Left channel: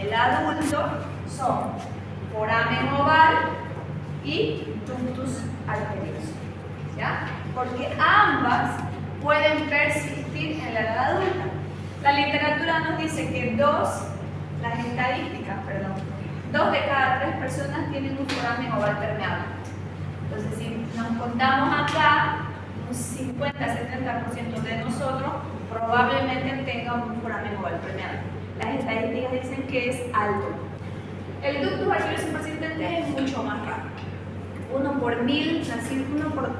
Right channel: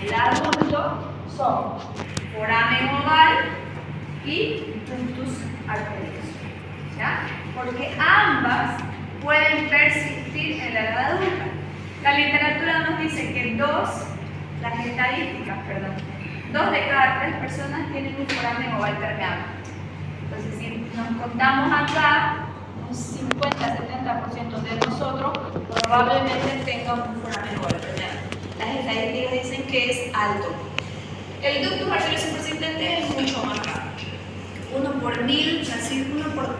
en el adulto son foramen oval y ductus arterioso, ¿ya? Porque ambas pueden persistir en la edad adulta. La literatura nos dice que las estadísticas, perdón, 2 de cada 3 personas tienen un foramen oval permeable. Entonces, si nos contamos acá, un 50-70% de nosotros probablemente tenga un foramen oval permeable. Las estadísticas dicen que es alto. El ductus arterioso persistente es mucho más raro. 1 por 1000 nacidos, 1 por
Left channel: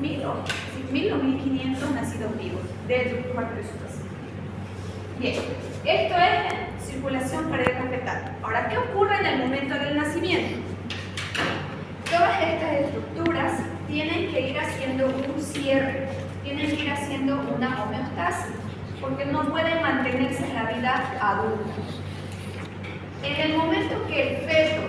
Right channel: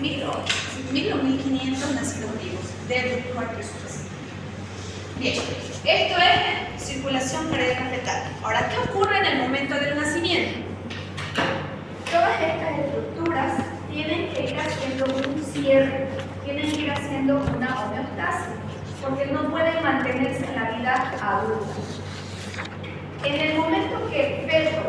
1000 o 1500 nacidos vivos del ductus arterioso persistente. Bien, esto es circulación cardíaca fetal. Ahora, ¿qué ocurre en el momento del nacimiento? Todas estas estructuras tienen que ir haciendo un cierre, tienen que ir haciendo una homeostasis, porque no pueden mantenerse en la vida adulta. En el momento que el feto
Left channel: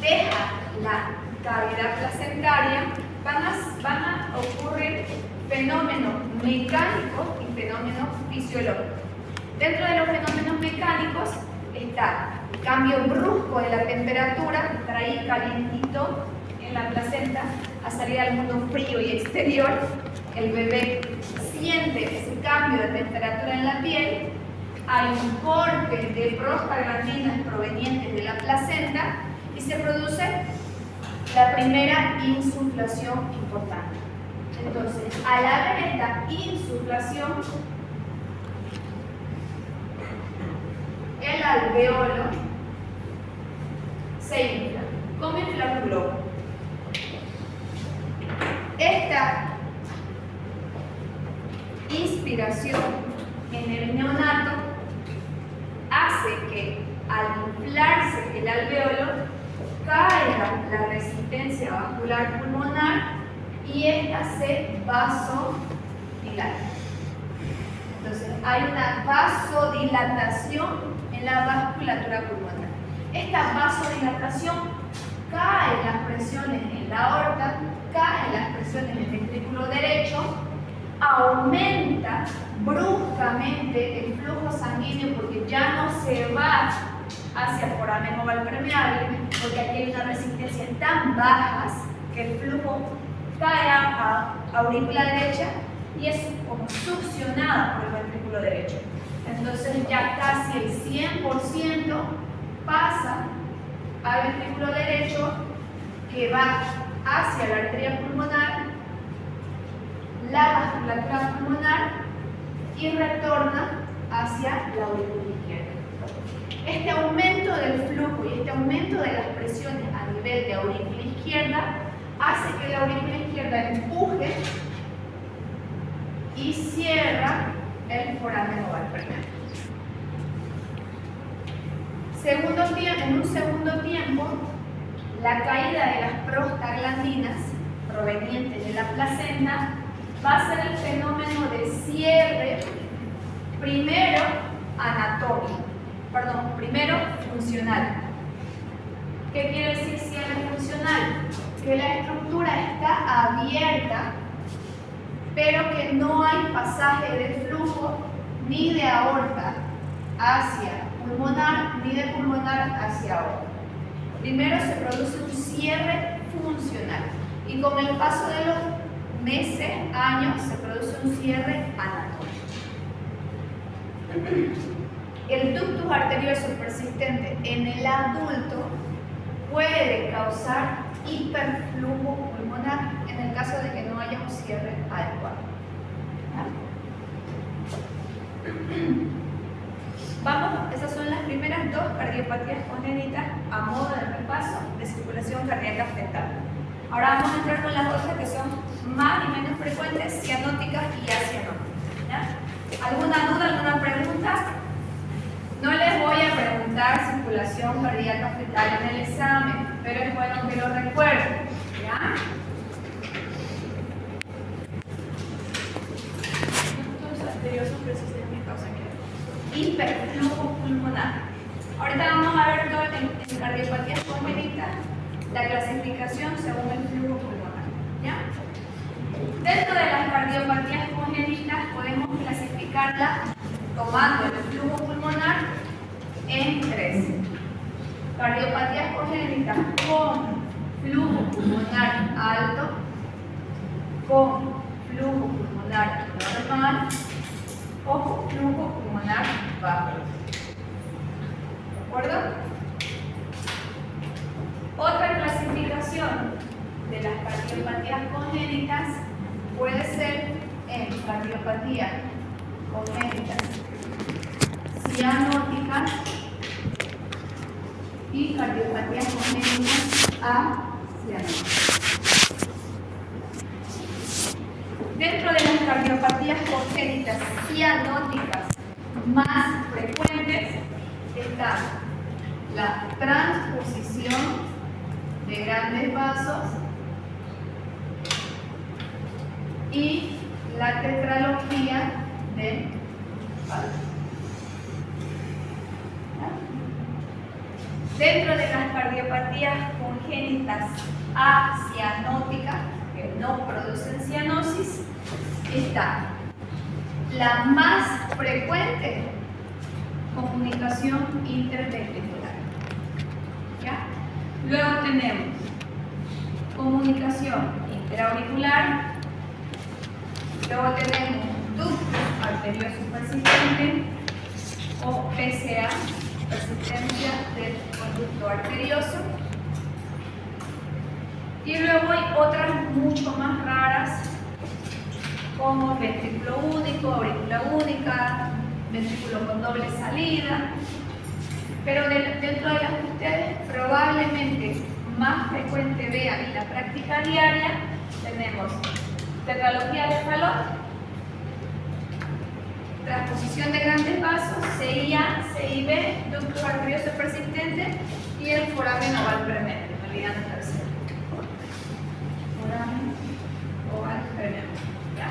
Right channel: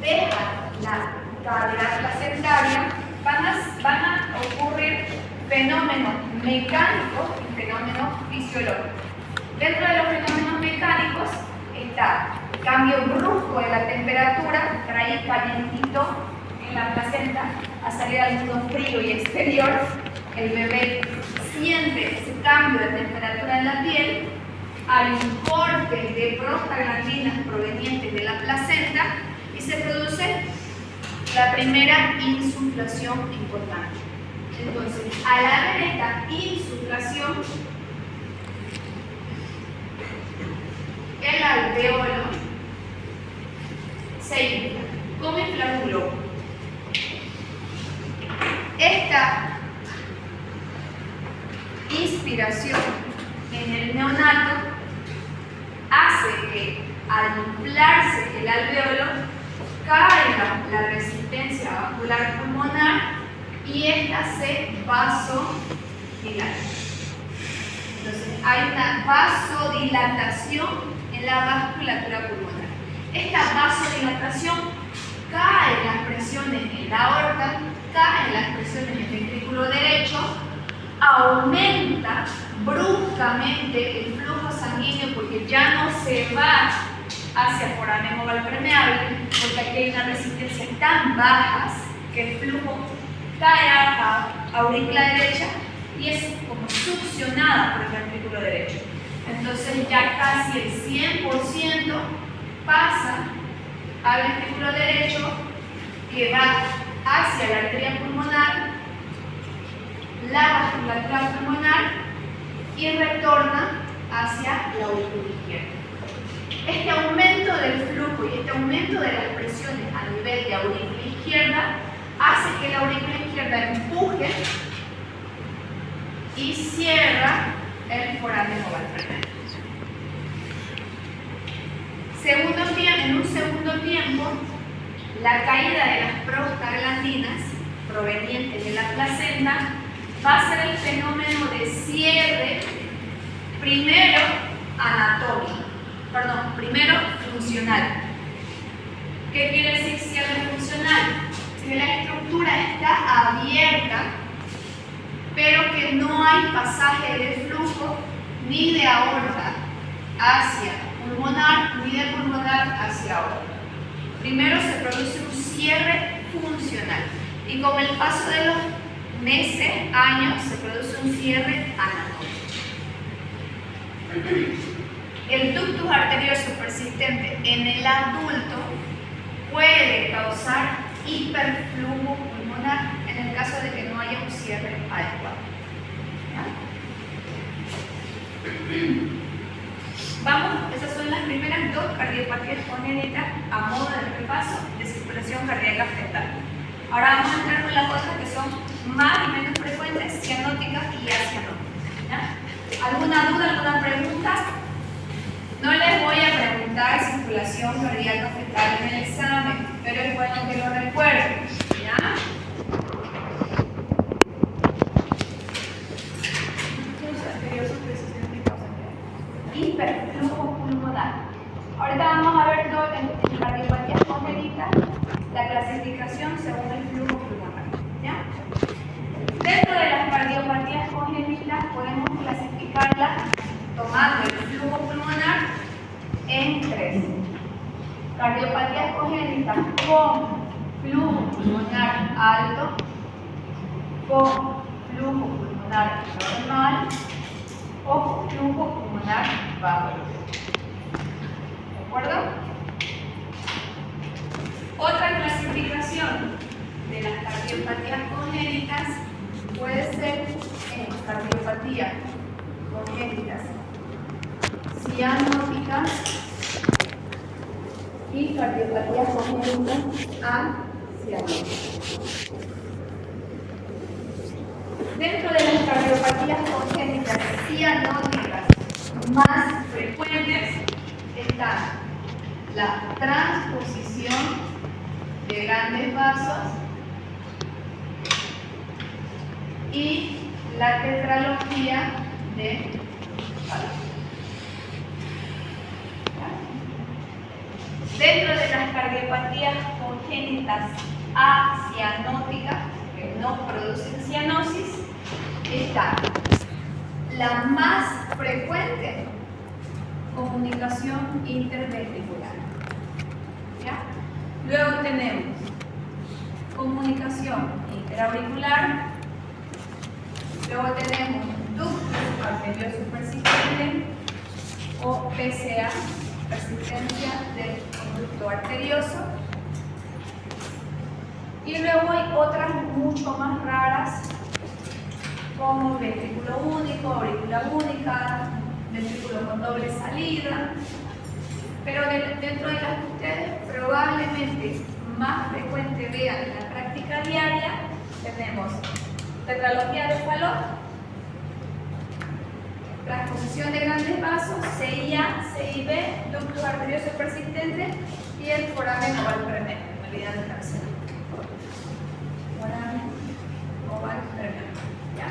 deja la cavidad placentaria, van a ocurrir fenómenos mecánicos y fenómenos fisiológicos. Dentro de los fenómenos mecánicos está cambio brusco de la temperatura, trae calientito en la placenta a salir al mundo frío y exterior. El bebé siente ese cambio de temperatura en la piel. Hay un corte de prostaglandinas provenientes de la placenta y se produce la primera insuflación importante. Entonces, al haber esta insuflación, el alveolo se infla. ¿Cómo inflar un globo? Esta inspiración en el neonato hace que al inflarse el alveolo caiga la resistencia vascular pulmonar y esta se vasodilata. Entonces hay una vasodilatación en la vasculatura pulmonar. Esta vasodilatación cae las presiones en la aorta, caen las presiones en el ventrículo derecho, aumenta bruscamente el flujo sanguíneo porque ya no se va hacia foramen oval permeable, porque aquí hay unas resistencias tan bajas que el flujo cae a aurícula derecha y es como succionada por el ventrículo derecho. Entonces ya casi el 100% pasa al ventrículo derecho que va hacia la arteria pulmonar, la vasculatura pulmonar y retorna hacia la aurícula izquierda. Este aumento del flujo y este aumento de las presiones a nivel de aurícula izquierda hace que la aurícula izquierda empuje y cierra el foramen oval permeable. En un segundo tiempo, la caída de las prostaglandinas provenientes de la placenta va a ser el fenómeno de cierre primero funcional. ¿Qué quiere decir cierre funcional? Que la estructura está abierta, pero que no hay pasaje de flujo ni de aorta hacia pulmonar, ni de pulmonar hacia aorta. Primero se produce un cierre funcional y con el paso de los meses, años, se produce un cierre anatómico. El ductus arterioso persistente en el adulto puede causar hiperflujo pulmonar en el caso de que no haya un cierre adecuado. Vamos, esas son las primeras 2 cardiopatías congénitas a modo de repaso de circulación cardíaca fetal. Ahora vamos a entrar con las otras que son más y menos frecuentes, cianóticas y acianóticas. ¿Alguna duda, alguna pregunta? No les voy a preguntar circulación cardíaca fetal en el examen, pero es bueno que lo recuerden. ¿Ya? Hiperflujo pulmonar. Ahorita vamos a ver todo en cardiopatías congénitas, la clasificación según el flujo pulmonar. ¿Ya? Dentro de las cardiopatías congénitas podemos clasificarlas tomando el flujo pulmonar en 3. Cardiopatías congénitas con flujo pulmonar alto, con flujo pulmonar normal o con flujo pulmonar bajo. ¿De acuerdo? Otra clasificación de las cardiopatías congénitas puede ser en cardiopatías congénitas cianóticas y cardiopatías congénitas acianóticas. Dentro de las cardiopatías congénitas cianóticas más frecuentes está la transposición de grandes vasos y la tetralogía de Fallot. Dentro de las cardiopatías congénitas acianóticas, que no producen cianosis, está la más frecuente, comunicación interventricular. ¿Ya? Luego tenemos comunicación interauricular, luego tenemos ductus arterioso persistente o PCA, persistencia del conducto arterioso, y luego hay otras mucho más raras como ventrículo único, aurícula única, ventrículo con doble salida, pero dentro de las que ustedes probablemente más frecuente vean en la práctica diaria, tenemos tetralogía de Fallot, transposición de grandes vasos, CIA, CIB, ductus arterioso persistente y el foramen oval permeable, me olvidan el tercero. Foramen oval permeable. ¿Ya?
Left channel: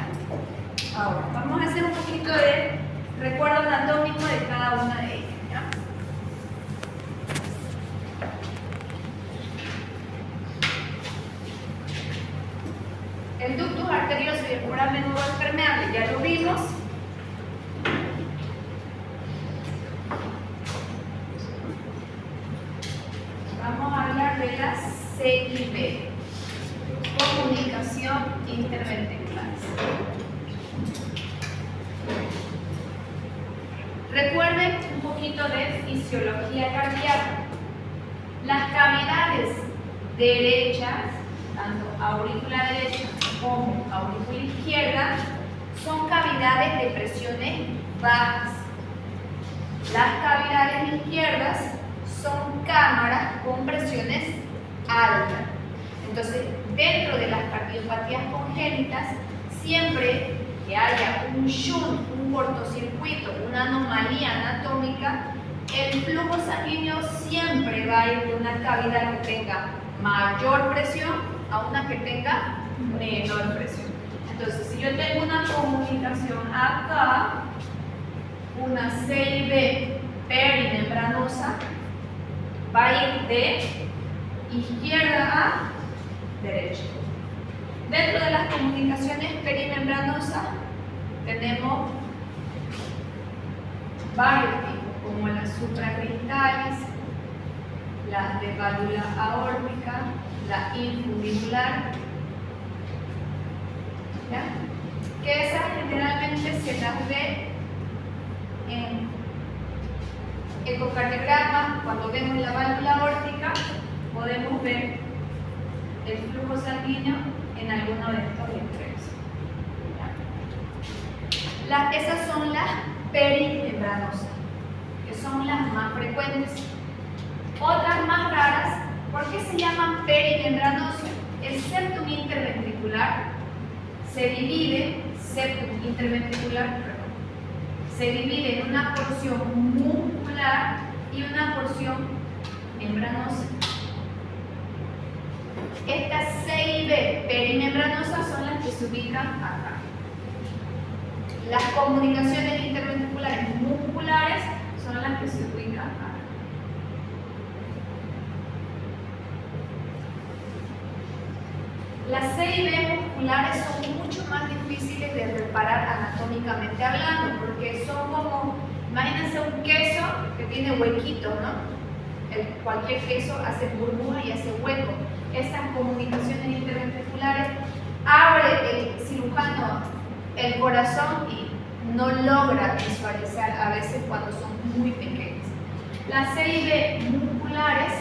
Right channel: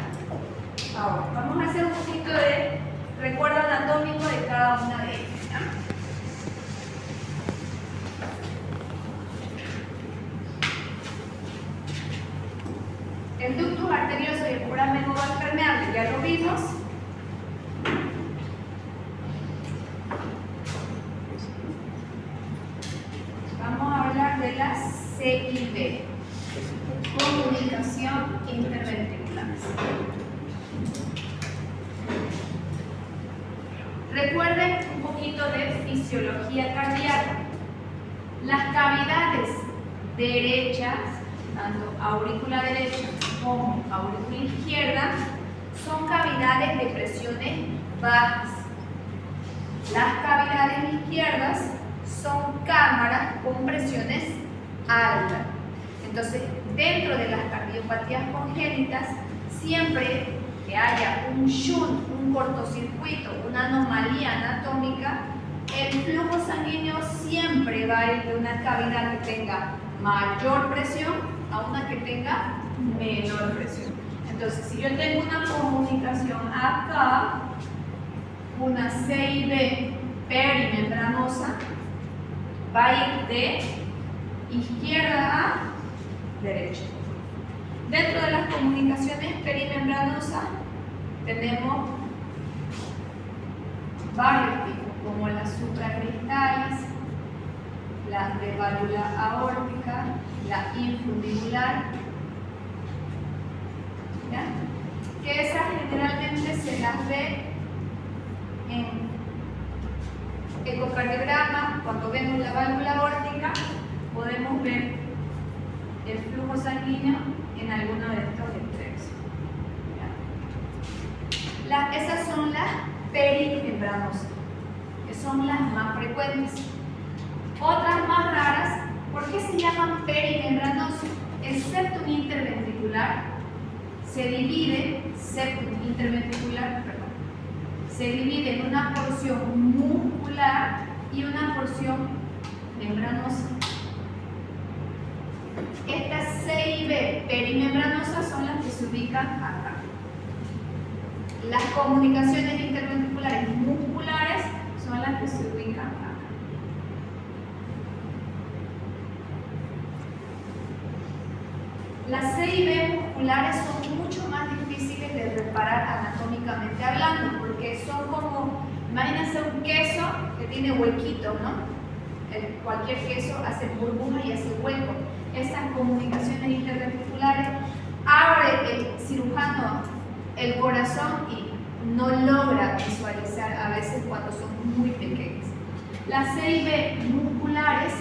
Ahora, vamos a hacer un poquito de recuerdo anatómico de cada una de ellas. ¿Ya? El ductus arterioso y el foramen oval permeable ya lo vimos. Vamos a hablar de la CIB, comunicación interventricular. Recuerden un poquito de fisiología cardíaca. Las cavidades derechas, tanto aurícula derecha como aurícula izquierda, son cavidades de presiones bajas. Las cavidades izquierdas son cámaras con presiones altas. Entonces, dentro de las cardiopatías congénitas, siempre que haya un shunt, un cortocircuito, una anomalía anatómica, el flujo sanguíneo siempre va a ir de una cavidad que tenga mayor presión a una que tenga menor presión. Entonces, si yo tengo una comunicación acá, una CIB perimembranosa, va a ir de izquierda a derecha. Dentro de las comunicaciones perimembranosas tenemos varios tipos, como las supracristales, las de válvula aórtica, la infundibular, ¿ya? Que esas generalmente se las ve en ecocardiograma. Cuando vemos la válvula aórtica podemos ver el flujo sanguíneo en alguno de estos extremos. Esas son las perimembranosas, que son las más frecuentes. Otras más raras, ¿por qué se llaman perimembranosas? El septum interventricular se divide, se divide en una porción muscular y una porción membranosa. Estas CIB perimembranosas son las que se ubican acá. Las comunicaciones interventriculares musculares son las que se ubican acá. Las CIB musculares son mucho más difíciles de reparar anatómicamente hablando, porque son como, imagínense un queso que tiene huequitos, ¿no? cualquier queso hace burbuja y hace hueco. Estas comunicaciones interventriculares abre el cirujano el corazón y no logra visualizar a veces cuando son muy pequeños. Las CIB musculares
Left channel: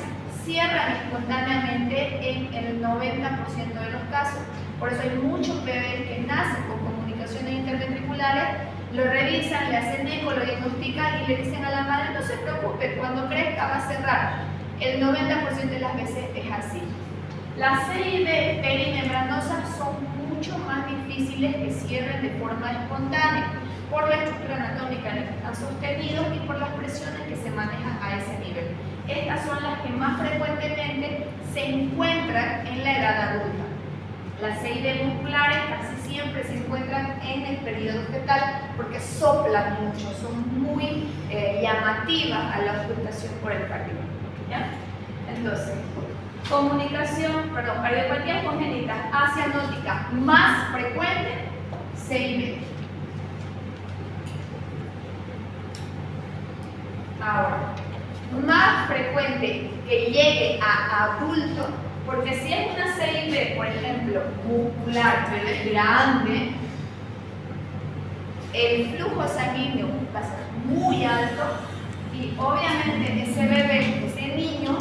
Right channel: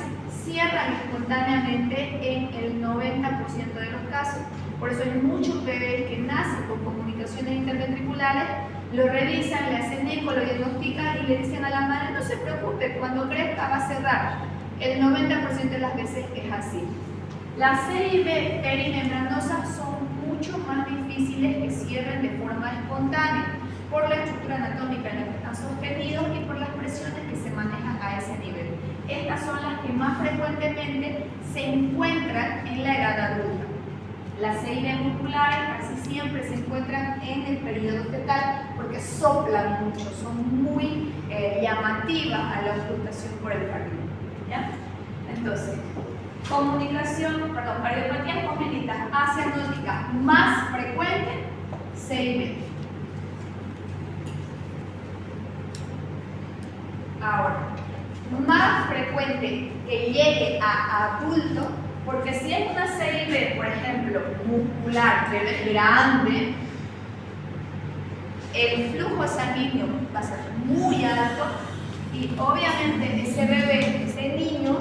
cierran espontáneamente en el 90% de los casos. Por eso hay muchos bebés que nacen con comunicaciones interventriculares, lo revisan, le hacen eco, lo diagnostican y le dicen a la madre, no se preocupe, cuando crezca va a cerrar. El 90% de las veces es así. Las CIB perimembranosas son mucho más difíciles que cierren de forma espontánea por la estructura anatómica en la que están sostenidos y por las presiones que se manejan a ese nivel. Estas son las que más frecuentemente se encuentran en la edad adulta. Las CIB musculares casi siempre se encuentran en el periodo fetal porque soplan mucho, son muy llamativas a la auscultación por el cardiólogo. ¿Ya? Entonces, cardiopatía congénita acianótica más frecuente, CIB. Ahora, más frecuente que llegue a adulto, porque si hay una CIB, por ejemplo, muscular, bebé grande, el flujo sanguíneo va a ser muy alto y obviamente ese bebé, ese niño,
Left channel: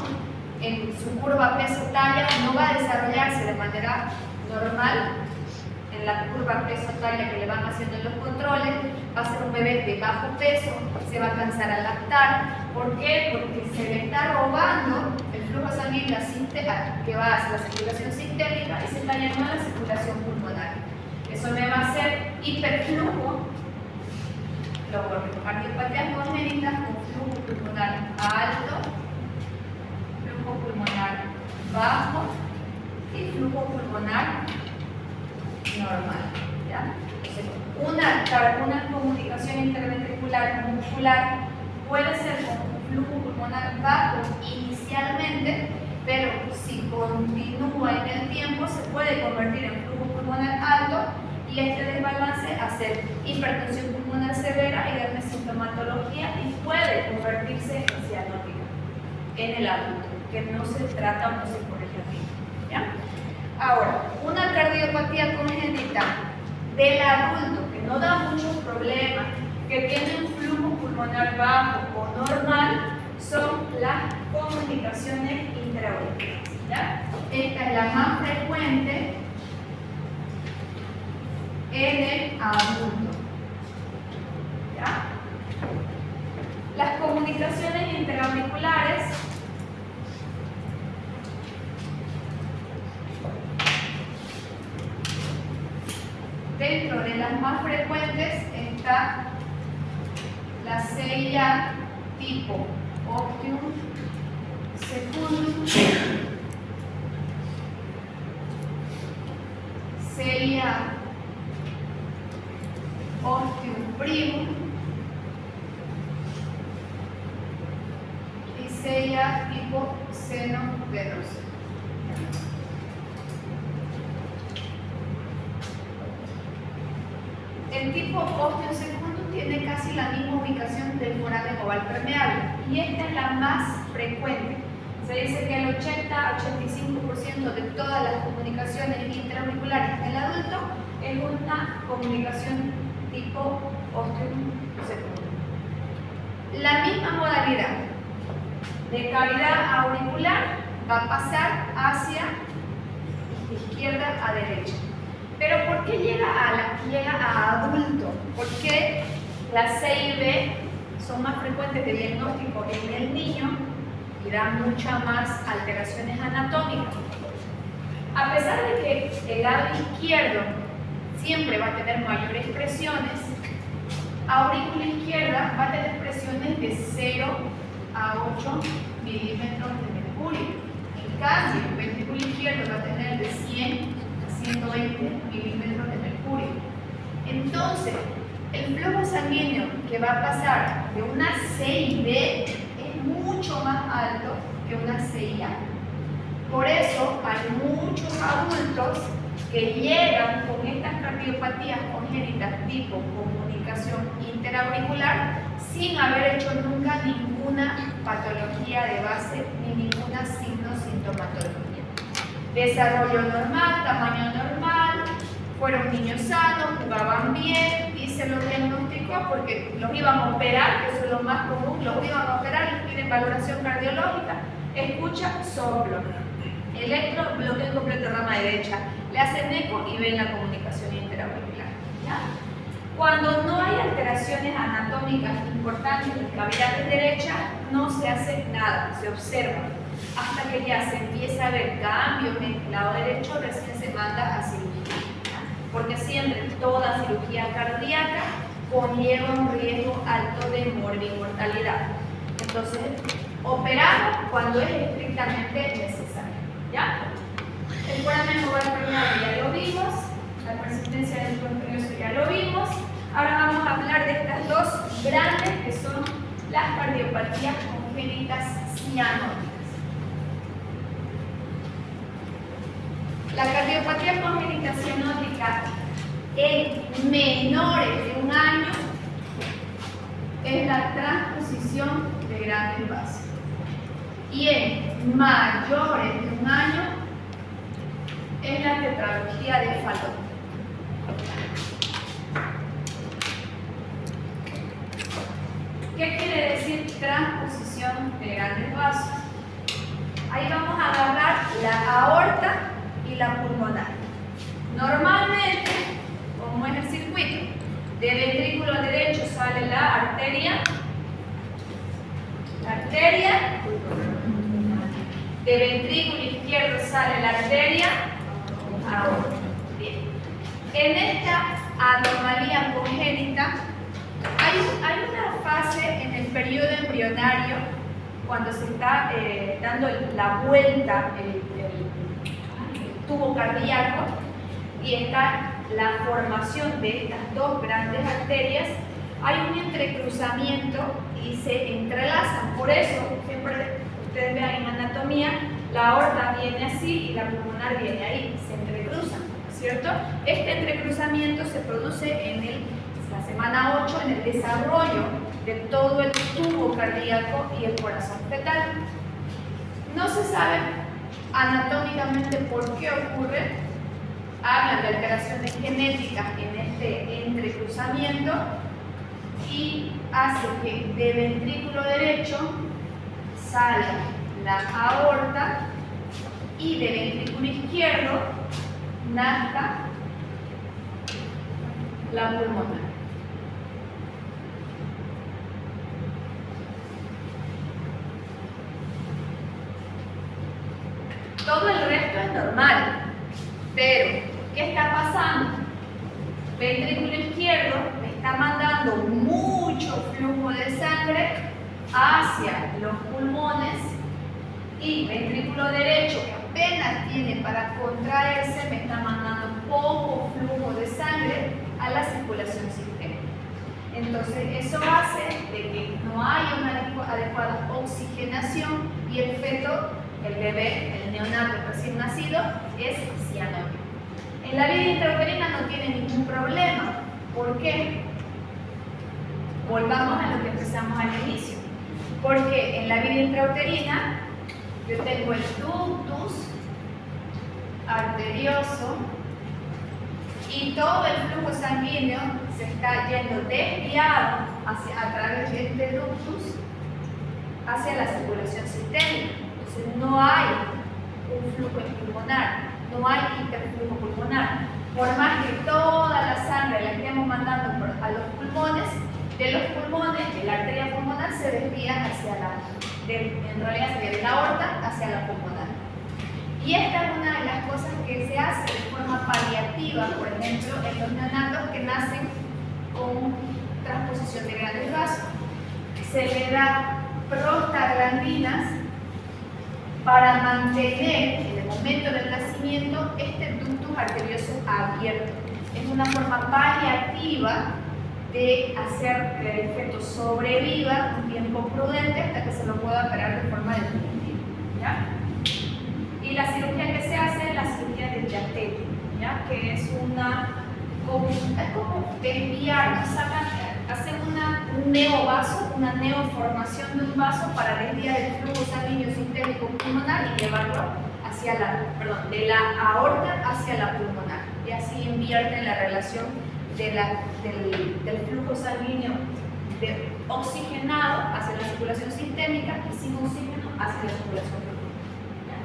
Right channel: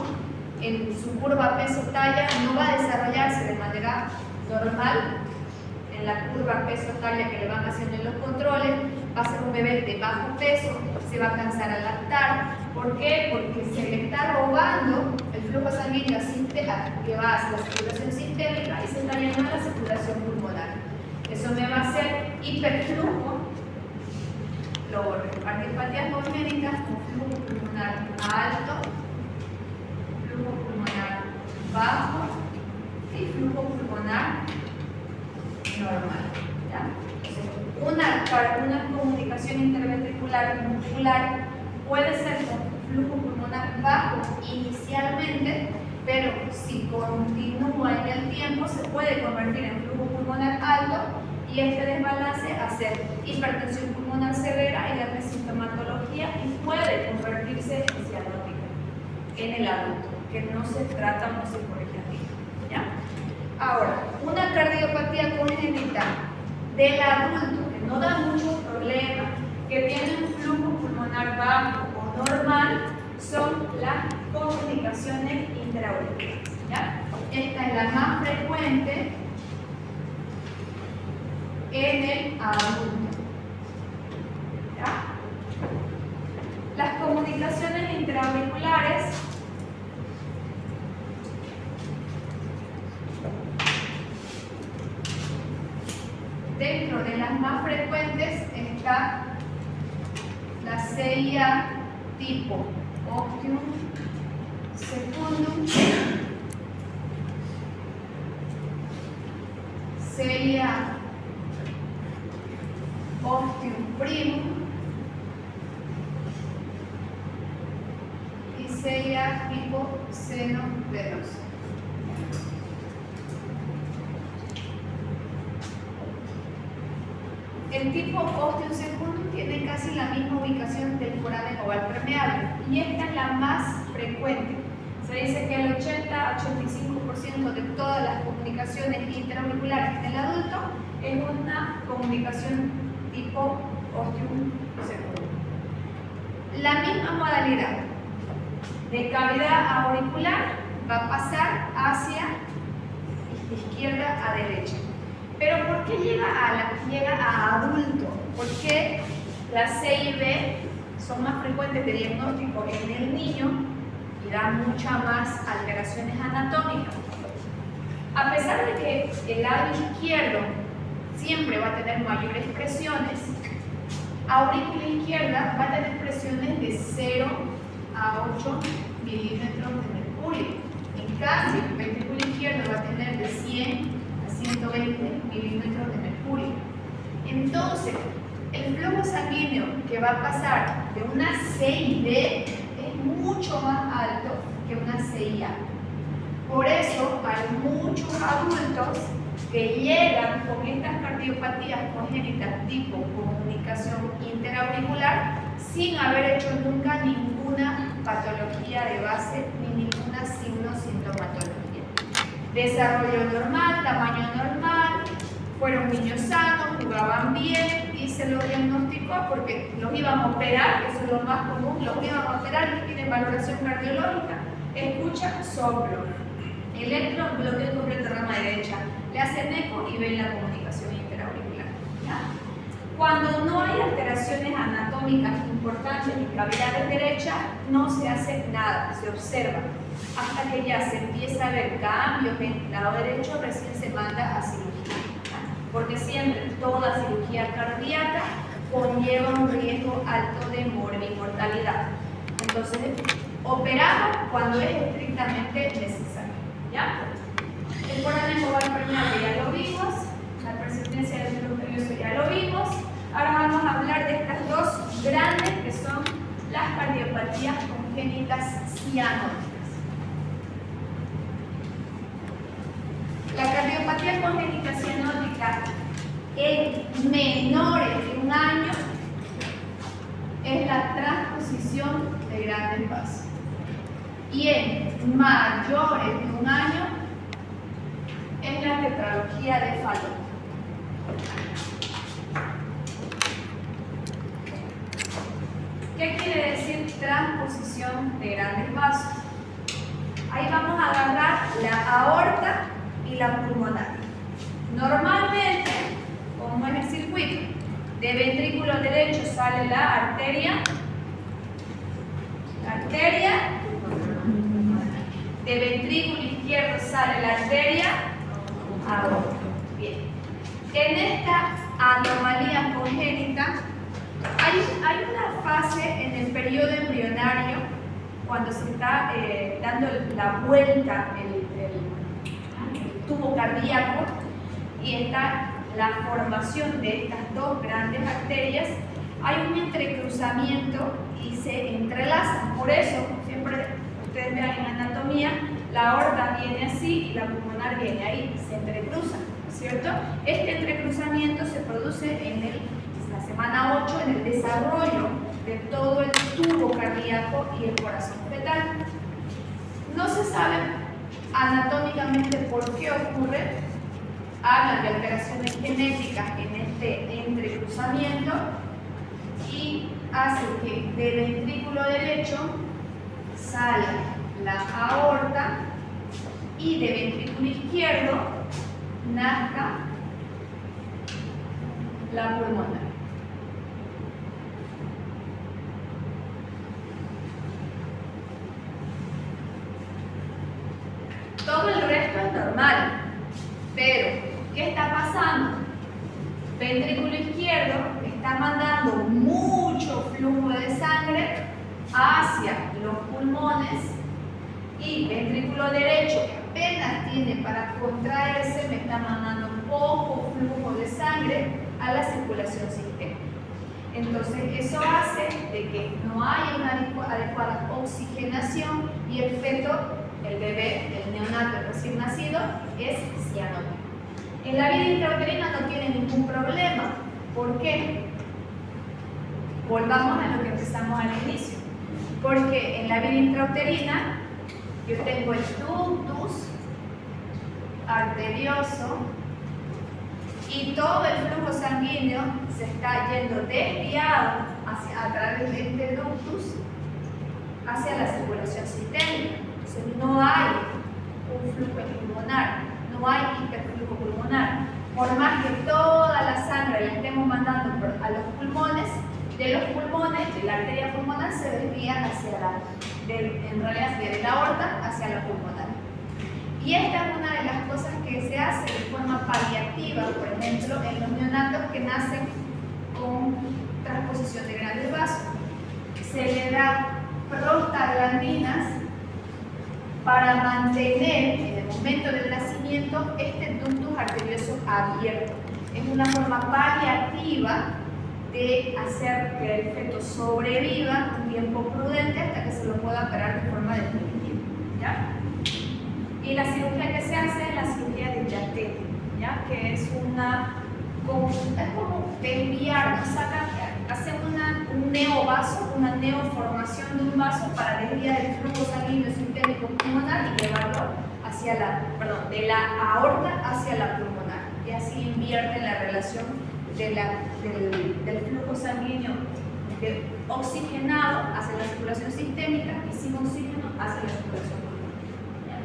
en su curva peso-talla no va a desarrollarse de manera normal. En la curva peso-talla que le van haciendo en los controles, va a ser un bebé de bajo peso, se va a cansar al lactar. ¿Por qué? Porque se le está robando el flujo sanguíneo que va hacia la circulación sistémica y se está llenando la circulación pulmonar. Eso me va a hacer hiperflujo, cardiopatías congénitas con flujo pulmonar alto, flujo pulmonar bajo y flujo pulmonar normal. ¿Ya? Una comunicación interventricular muscular puede ser con flujo pulmonar bajo inicialmente, pero si continúa en el tiempo se puede convertir en flujo pulmonar alto y este desbalance hacer hipertensión pulmonar severa y darle sintomatología y puede convertirse en cianótica en el adulto, que no se trata o no se corrige aquí. ¿Ya? Ahora, una cardiopatía congénita del adulto que no da muchos problemas, que tiene un flujo pulmonar bajo o normal, son las comunicaciones intraauriculares. ¿Ya? Esta es la más frecuente en el adulto. ¿Ya? Las comunicaciones intraauriculares dentro de las más frecuentes está la CIA tipo Ostium Secundum, CIA Ostium Primum y CIA tipo seno venoso. El tipo Ostium Secundum tiene casi la misma ubicación del foramen oval permeable y esta es la más frecuente. Se dice que el 80-85% de todas las comunicaciones intraauriculares en el adulto es una comunicación tipo Ostium Secundum. La misma modalidad de cavidad auricular va a pasar hacia izquierda a derecha. Pero ¿por qué llega a adulto? Porque las CIB son más frecuentes de diagnóstico en el niño y dan muchas más alteraciones anatómicas. A pesar de que el lado izquierdo siempre va a tener mayores presiones, aurícula izquierda va a tener presiones de 0 a 8 milímetros de mercurio. En cambio, el ventrículo izquierdo va a tener de 100 120 milímetros de mercurio. Entonces, el flujo sanguíneo que va a pasar de una CIB es mucho más alto que una CIA. Por eso hay muchos adultos que llegan con estas cardiopatías congénitas tipo comunicación interauricular sin haber hecho nunca ninguna patología de base Desarrollo normal, tamaño normal, fueron niños sanos, jugaban bien y se los diagnosticó porque los iban a operar, que eso es lo más común, los iban a operar y piden valoración cardiológica, escucha, soplo, electro, bloqueo completo rama derecha, le hacen eco y ven la comunicación interauricular. ¿Ya? Cuando no hay alteraciones anatómicas importantes en cavidades derechas, no se hace nada, se observa. Hasta que ya se empieza a ver cambios en el lado derecho, recién se manda a cirugía. Porque siempre toda cirugía cardíaca conlleva un riesgo alto de mortalidad. Entonces, operamos cuando es estrictamente necesario. ¿Ya? El foramen oval permeable ya lo vimos, la persistencia del arterioso ya lo vimos. Ahora vamos a hablar de estas dos grandes que son las cardiopatías congénitas cianóticas. La cardiopatía congénita cianótica en menores de 1 año es la transposición de grandes vasos. Y en mayores de 1 año es la tetralogía de Fallot. ¿Qué quiere decir transposición de grandes vasos? Ahí vamos a agarrar la aorta y la pulmonar. Normalmente, como es el circuito, de ventrículo derecho sale la arteria, de ventrículo izquierdo sale la arteria aorta. Bien. En esta anomalía congénita hay una fase en el periodo embrionario cuando se está dando la vuelta el tubo cardíaco y está la formación de estas dos grandes arterias. Hay un entrecruzamiento y se entrelazan. Por eso, siempre ustedes vean en anatomía, la aorta viene así y la pulmonar viene ahí, se entrecruzan, ¿cierto? Este entrecruzamiento se produce en la semana 8 en el desarrollo de todo el tubo cardíaco y el corazón fetal. No se sabe anatómicamente por qué ocurre. Hablan de alteraciones genéticas en este entrecruzamiento y hace que de ventrículo derecho salga la aorta y de ventrículo izquierdo nazca la pulmonar. Todo el resto es normal, pero ¿qué está pasando? Ventrículo izquierdo le está mandando mucho flujo de sangre hacia los pulmones y ventrículo derecho, que apenas tiene para contraerse, me está mandando poco flujo de sangre a la circulación sistémica. Entonces eso hace de que no haya una adecuada oxigenación y el feto, el bebé, el neonato recién nacido, es cianótico. En la vida intrauterina no tiene ningún problema. ¿Por qué? Volvamos a lo que empezamos al inicio. Porque en la vida intrauterina yo tengo el ductus arterioso y todo el flujo sanguíneo se está yendo desviado a través de este ductus hacia la circulación sistémica. Entonces no hay un flujo pulmonar, no hay hiperflujo pulmonar. Por más que toda la sangre la estemos mandando a los pulmones, de los pulmones, de la arteria pulmonar se desvía hacia en realidad de la aorta hacia la pulmonar. Y esta es una de las cosas que se hace de forma paliativa, por ejemplo, en los neonatos que nacen con transposición de grandes vasos. Se le da prostaglandinas para mantener en el momento del nacimiento este ductus arterioso abierto. Es una forma paliativa de hacer que el feto sobreviva un tiempo prudente hasta que se lo pueda operar de forma definitiva. ¿Ya? Y la cirugía que se hace es la cirugía de Yatet, ¿ya? Que es como desviar, hacen un neovaso, una neoformación de un vaso para desviar el flujo sanguíneo sistémico pulmonar y llevarlo hacia la, perdón, de la aorta hacia la pulmonar, y así invierten la relación del flujo sanguíneo oxigenado hacia la circulación sistémica y sin oxígeno hacia la circulación pulmonar.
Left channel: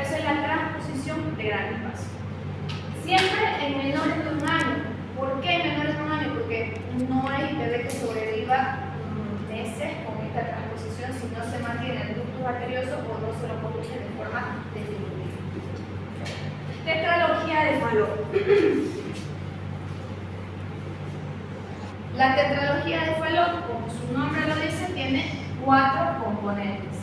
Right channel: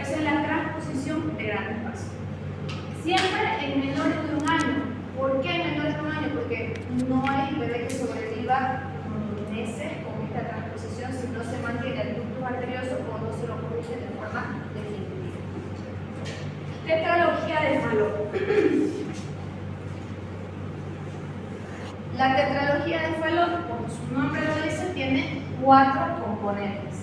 Esa es la transposición de gran espacio. Siempre en menores de un año. ¿Por qué en menores de un año? Porque no hay bebé que sobreviva meses con esta transposición si no se mantiene el ductus arterioso o no se lo corrige de forma definitiva. Tetralogía de Fallot. La tetralogía de Fallot, como su nombre lo dice, tiene 4 componentes.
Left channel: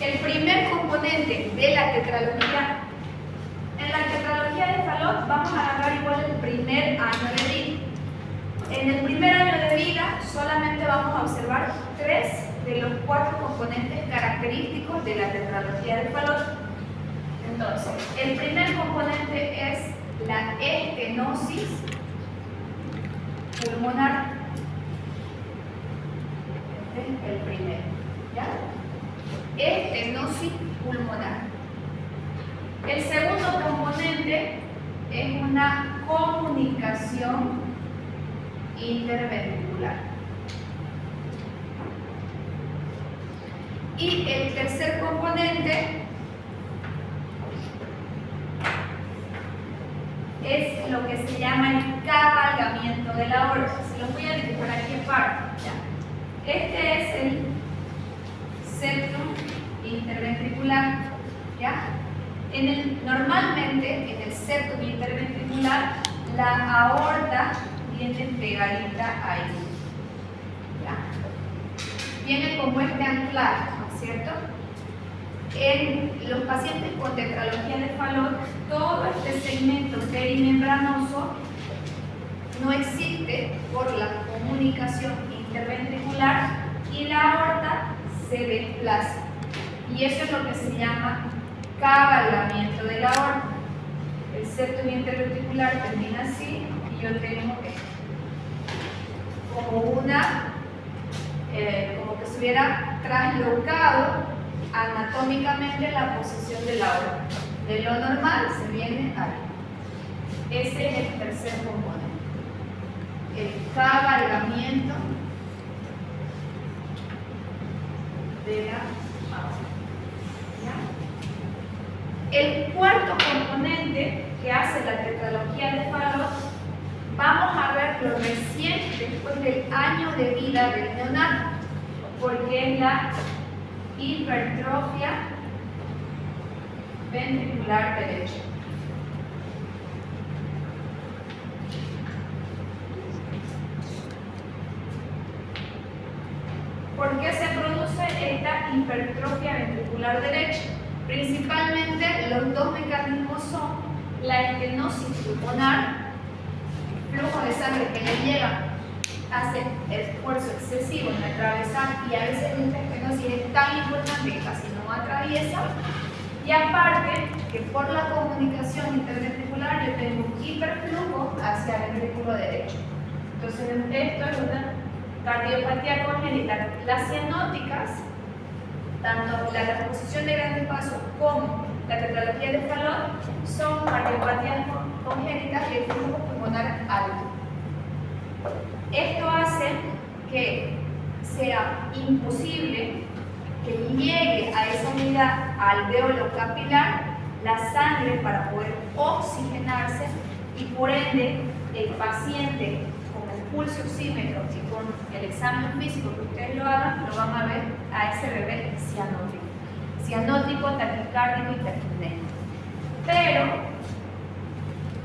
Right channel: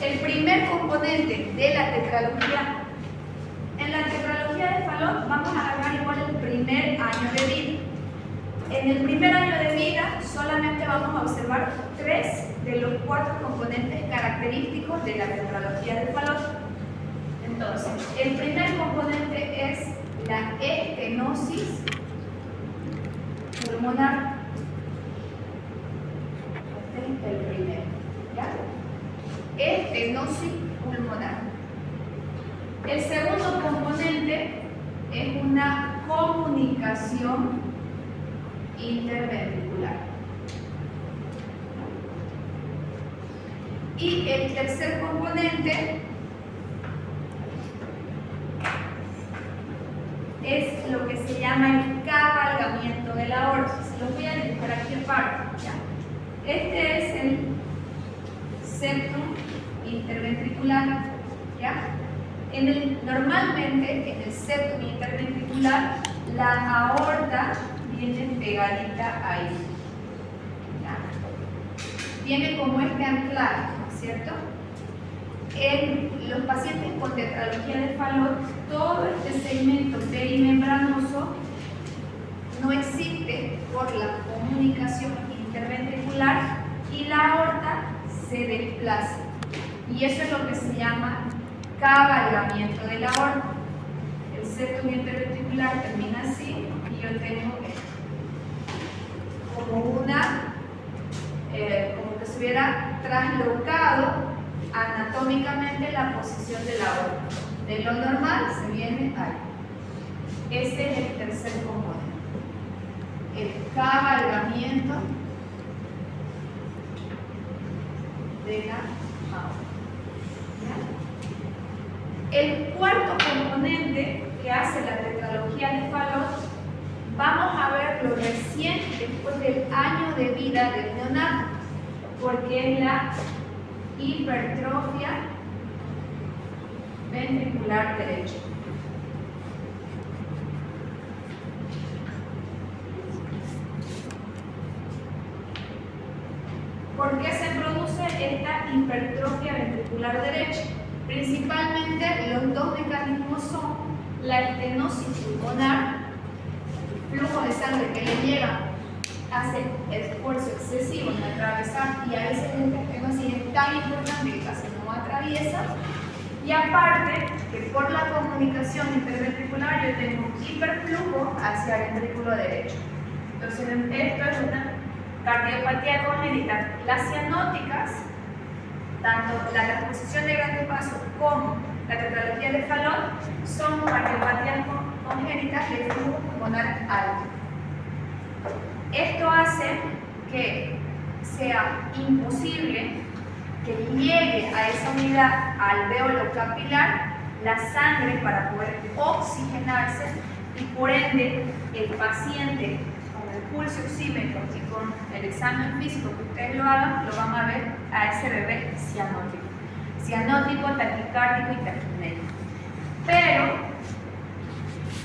El primer componente de la tetralogía, en la tetralogía de Fallot vamos a agarrar igual el primer año de vida. En el primer año de vida solamente vamos a observar 3 de los 4 componentes característicos de la tetralogía de Fallot. Entonces, el primer componente es la estenosis pulmonar. Este es el primero, ¿ya? Estenosis pulmonar. El segundo componente es una comunicación interventricular. Y el tercer componente es lo que se llama el cabalgamiento de la aorta. Se los voy a dibujar aquí en parte. ¿Ya? Este es el septum interventricular. ¿Ya? Normalmente en el septum interventricular la aorta viene pegadita ahí. ¿Ya? Viene como este anclaje, ¿no es cierto? En los pacientes con tetralogía de Fallot, todo este segmento perimembranoso no existe por la comunicación interventricular y la aorta se desplaza. Y eso es lo que se llama cabalgamiento de la aorta. El septum interventricular termina así y yo tengo esto. Como como que se hubiera traslocado anatómicamente la posición de la aorta. De lo normal se viene ahí. Ese es el tercer componente. El cabalgamiento de la aorta. ¿Ya? El cuarto componente que hace la tetralogía de Fallot, vamos a verlo recién después del año de vida del neonato, porque es la hipertrofia ventricular derecha. ¿Por qué se produce esta hipertrofia ventricular derecha? Principalmente los dos mecanismos son la estenosis pulmonar, flujo de sangre que le lleva, hace esfuerzo excesivo en atravesar, y a veces esta estenosis es tan importante que casi no atraviesa, y aparte que por la comunicación interventricular yo tengo un hiperflujo hacia el ventrículo derecho. Entonces esto es una cardiopatía congénita. Las cianóticas, tanto la transposición de gran paso como la tetralogía de Fallot, son cardiopatías congénitas de flujo pulmonar alto. Esto hace que sea imposible que llegue a esa unidad alveolo capilar la sangre para poder oxigenarse, y por ende el paciente con el pulso oxímetro y con el examen físico que ustedes lo hagan, lo van a ver a ese bebé cianótico, taquicárdico y taquipnéico. Pero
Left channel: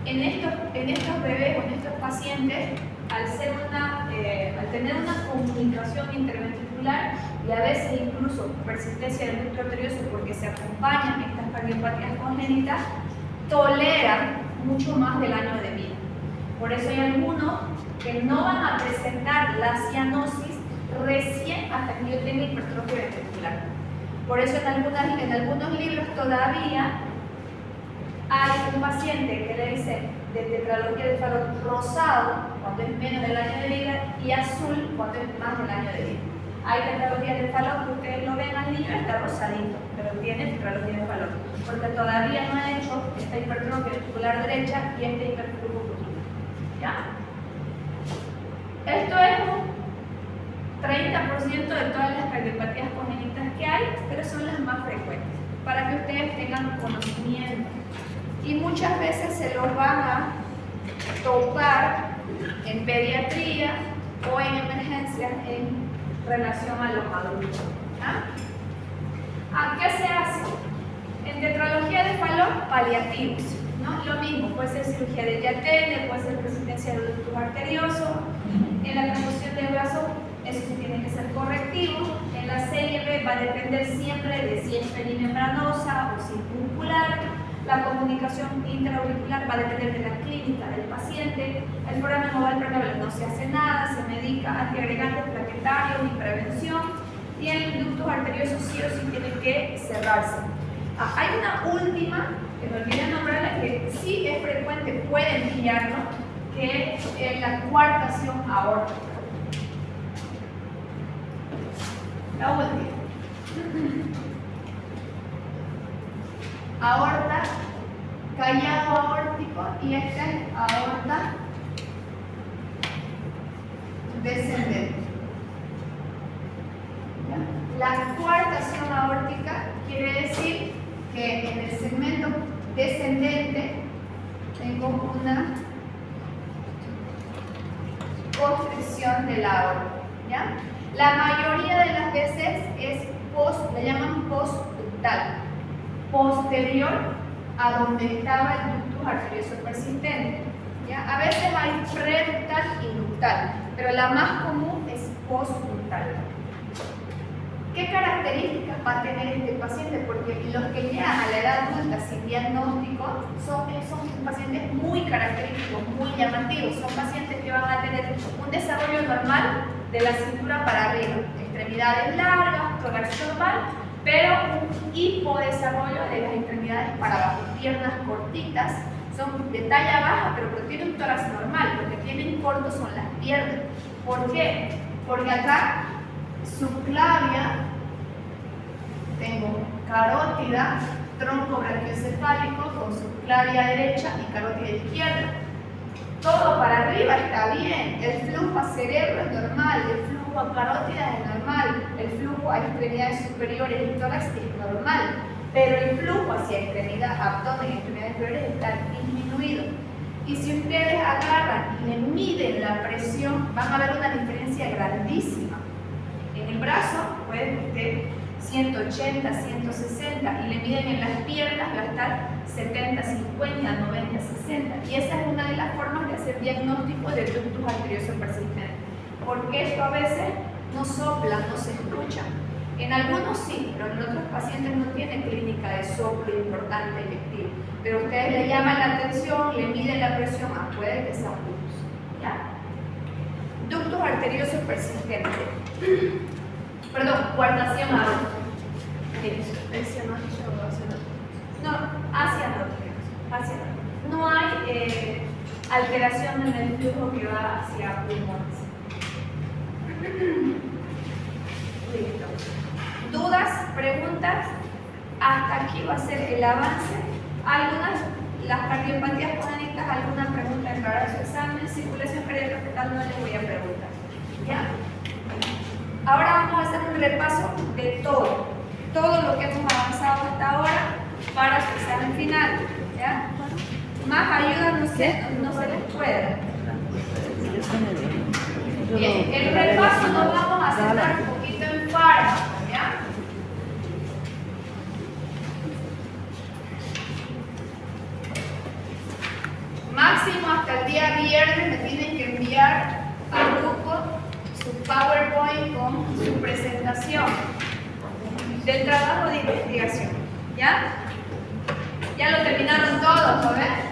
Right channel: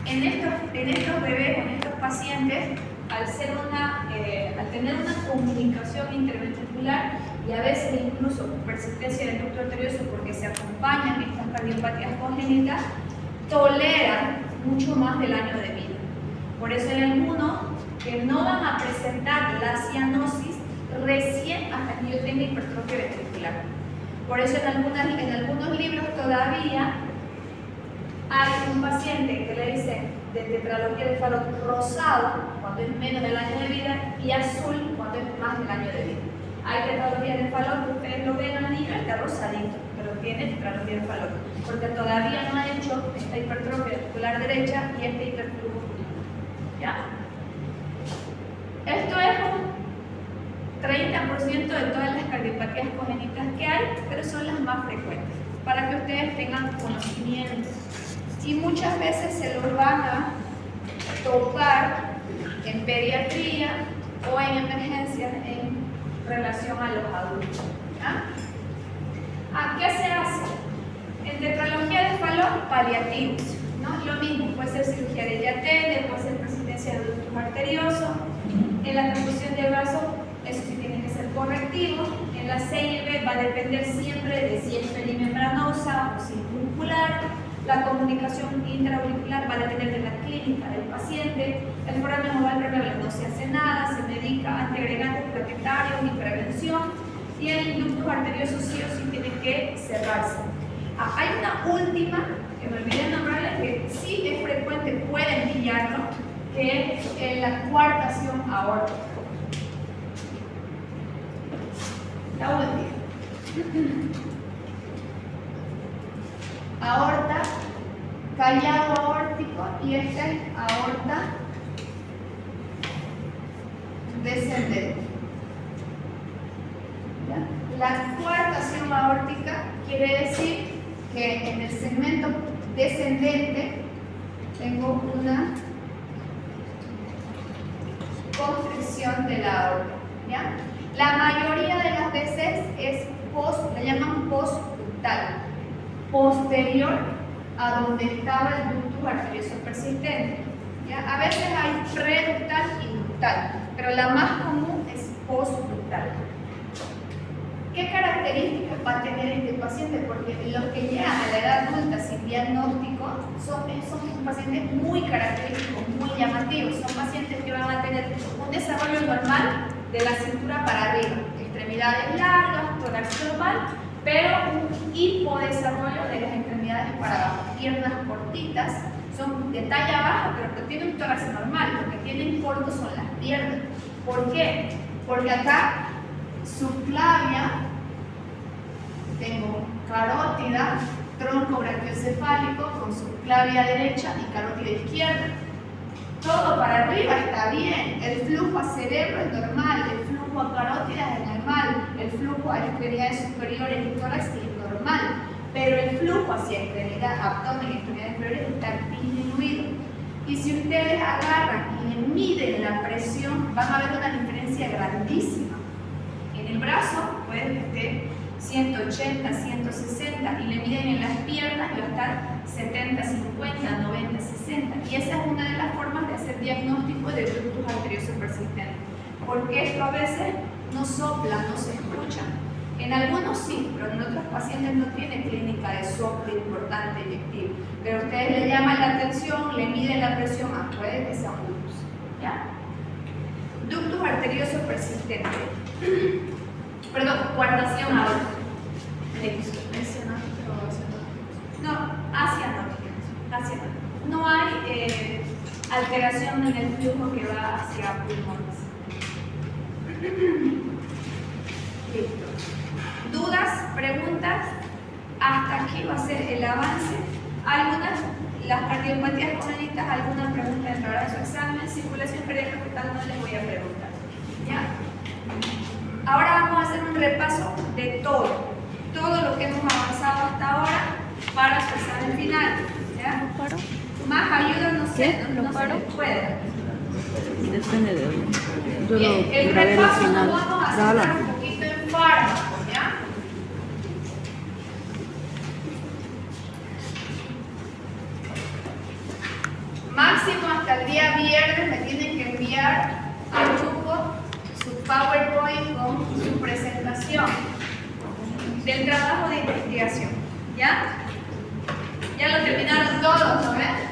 en estos bebés o en estos pacientes, al tener una comunicación interventricular y a veces incluso persistencia del ducto arterioso porque se acompañan estas cardiopatías congénitas, toleran mucho más del año de vida. Por eso hay algunos que no van a presentar la cianosis recién hasta que yo tenga hipertrofia ventricular. Por eso en algunos libros todavía hay un paciente que le dicen de tetralogía de Fallot rosado cuando es menos del año de vida y azul cuando es más del año de vida. Hay tetralogía de Fallot que ustedes lo ven al niño, está rosadito, pero tiene tetralogía de Fallot, porque todavía no ha hecho esta hipertrofia articular derecha y este hiperflujo pulmonar. ¿Ya? Esto es un 30% de todas las cardiopatías congénitas que hay, pero son las más frecuentes, para que ustedes tengan conocimiento. Y muchas veces se los van a tocar en pediatría o en emergencias en relación a los adultos. ¿Ya? ¿Qué se hace? En tetralogía de Fallot, paliativos, ¿no? Lo mismo, puede ser cirugía de Yatene, puede ser persistencia de ductus arterioso. En la transfusión de brazo, eso sí tiene que ser correctivo. En la CIB va a depender siempre de si es perimembranosa o si es muscular. La comunicación intraauricular va a depender de la clínica del paciente. El foramen oval permeable no se hace nada, se medica antiagregantes plaquetarios y prevención. Y el ductus arterioso sí o sí tiene que cerrarse. Hay una última, que me olvidé nombrarla, que sí es frecuente, pueden pillarlo, que es la coartación aórtica. La última. Aorta, callado aórtico, y esta es aorta descendente. ¿Ya? La coartación aórtica quiere decir que en el segmento descendente tengo una constricción de la aorta. ¿Ya? La mayoría de las veces es la llaman postductal, posterior a donde estaba el ductus arterioso persistente. ¿Ya? A veces hay preductal y ductal, pero la más común es postductal. ¿Qué características va a tener este paciente? Porque los que llegan a la edad adulta sin diagnóstico son pacientes muy característicos, muy llamativos. Son pacientes que van a tener un desarrollo normal de la cintura para arriba, extremidades largas, tórax normal, pero un hipodesarrollo de las extremidades para abajo, piernas cortitas, son de talla baja, pero tienen un tórax normal. Lo que tienen cortos son las piernas. ¿Por qué? Porque acá subclavia, tengo carótida, tronco brachiocefálico con subclavia derecha y carótida izquierda. Todo para arriba está bien, el flujo a cerebro es normal, el flujo a carótida es normal, el flujo a extremidades superiores y tórax es normal, pero el flujo hacia extremidad, abdomen y extremidades inferiores está disminuido. Y si ustedes agarran y miden la presión, van a ver una diferencia grandísima. En el brazo puede que esté 180, 160 y le miden en las piernas va a estar 70, 50, 90, 60. Y esa es una de las formas de hacer diagnóstico de ductus arterioso persistente. Porque esto a veces no sopla, no se escucha. En algunos sí, pero en otros pacientes no tiene clínica de soplo importante electivo. Pero ustedes le llaman la atención, le miden la presión, puede que sea un ductus. ¿Ya? Ductus arterioso persistente. Perdón, coartación aórtica. No, hacia no. No hay alteración en el flujo que va hacia pulmones. Listo. ¿Dudas? ¿Preguntas? Hasta aquí va a ser el avance. Las cardiopatías congénitas, alguna pregunta entrará en su examen. Circulación cardíaca fetal no les voy a preguntar. ¿Ya? Ahora vamos a hacer un repaso de todo lo que hemos avanzado hasta ahora para su examen final. ¿Ya? Más ayuda no se les puede. Depende de uno. Bien, el repaso nos vamos a centrar un poquito en fármacos, ¿ya? Máximo hasta el día viernes me tienen que enviar al grupo su PowerPoint con su presentación del trabajo de investigación. ¿Ya? Ya lo terminaron todos, ¿no ven?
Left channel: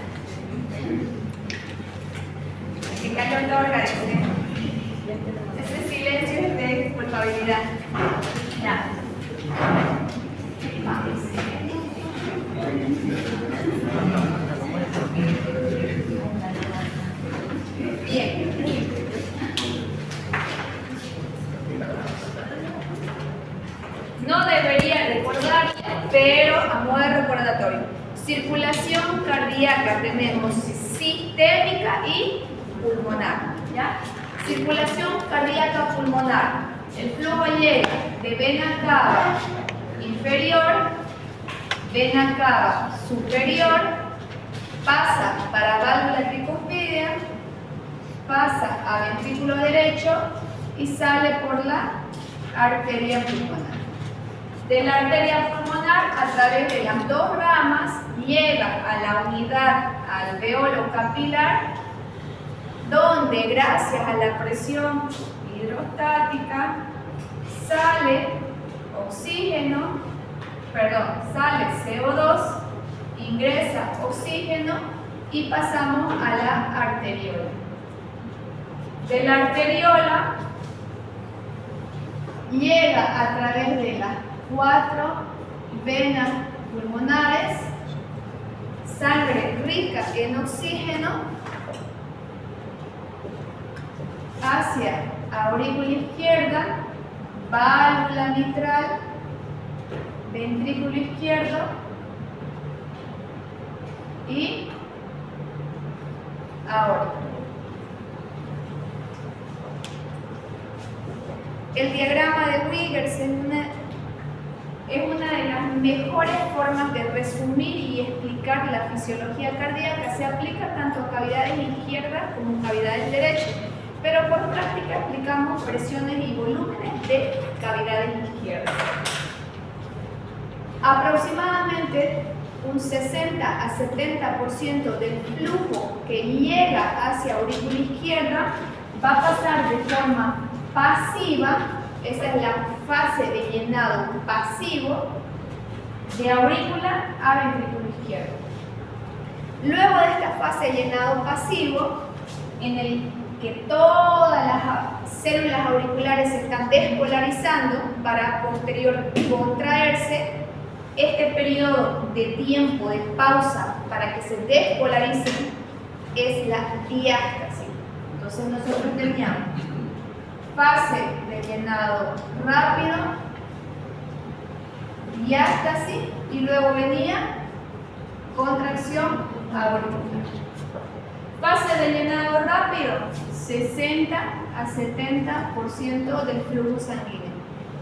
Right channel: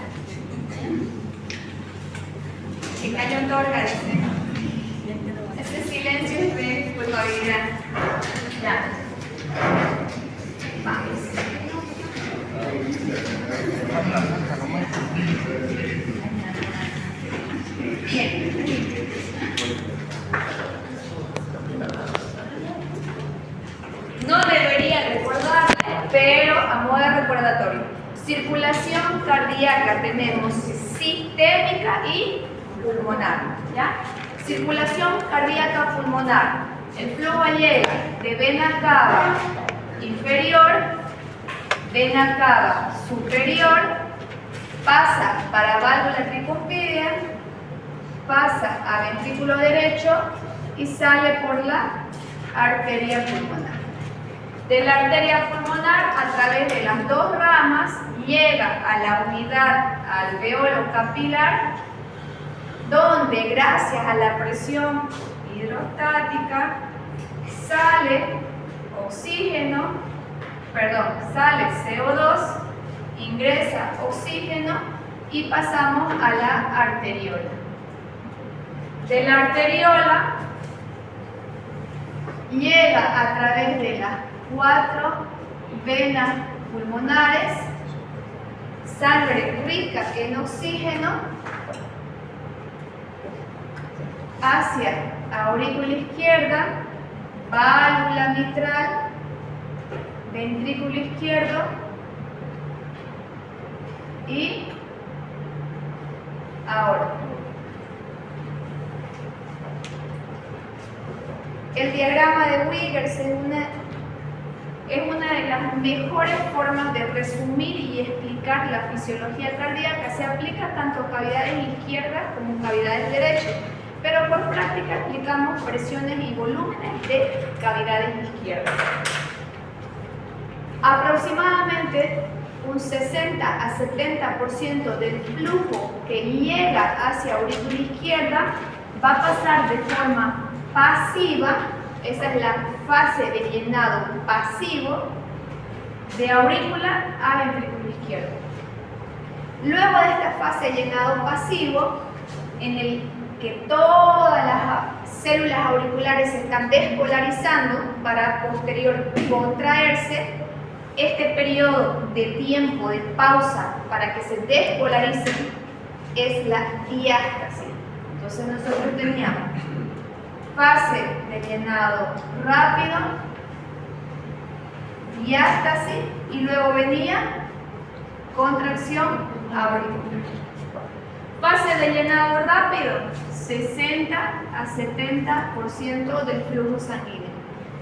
Que cayó otorga, dice. Ese silencio es de culpabilidad. Ya. Vamos. pero a modo de recordatorio. Circulación cardíaca tenemos sistémica y pulmonar, ¿ya? Circulación cardíaca pulmonar. El flujo llega de vena cava inferior, vena cava superior, pasa para válvula tricuspidia, pasa a ventrículo derecho y sale por la arteria pulmonar. De la arteria pulmonar, a través de las dos ramas, llega a la unidad alveolo capilar, donde gracias a la presión hidrostática sale CO2, ingresa oxígeno y pasamos a la arteriola. De la arteriola llega a través de las 4 venas pulmonares sangre rica en oxígeno hacia aurícula izquierda, válvula mitral, ventrículo izquierdo y aorta. El diagrama de Wiggers es una de las mejores formas de resumir y explicar la fisiología cardíaca. Se aplica tanto a cavidades izquierdas como a cavidades derechas, pero por práctica explicamos presiones y volúmenes de cavidades izquierdas. Aproximadamente un 60 a 70% del flujo que llega hacia aurícula izquierda va a pasar de forma pasiva, esa es la fase de llenado pasivo, de aurícula a ventrículo izquierdo. Luego de esta fase de llenado pasivo, en el que todas las células auriculares se están despolarizando para posterior contraerse, este periodo de tiempo de pausa para que se despolaricen es la diástasis. Entonces nosotros teníamos fase de llenado rápido, diástasis y luego venía contracción auricular. Fase de llenado rápido, 60 a 70% del flujo sanguíneo.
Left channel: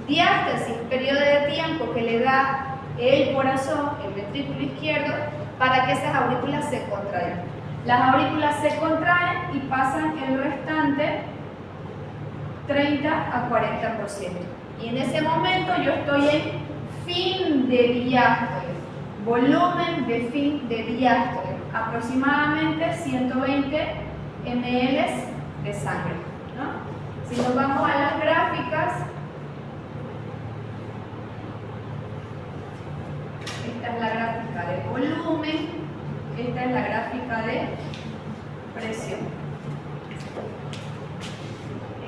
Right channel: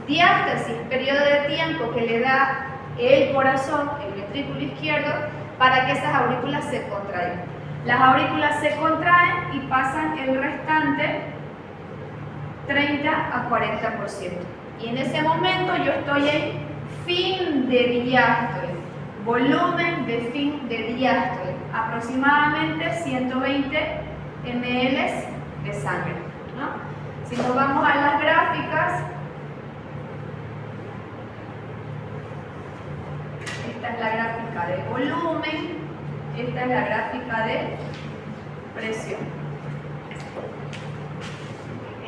Diástasis, periodo de tiempo que le da el corazón, el ventrículo izquierdo, para que esas aurículas se contraigan. Las aurículas se contraen y pasan el restante 30 a 40%. Y en ese momento yo estoy en fin de diástole, volumen de fin de diástole, aproximadamente 120 ml de sangre, ¿no? Si nos vamos a las gráficas, esta es la gráfica de volumen, esta es la gráfica de presión.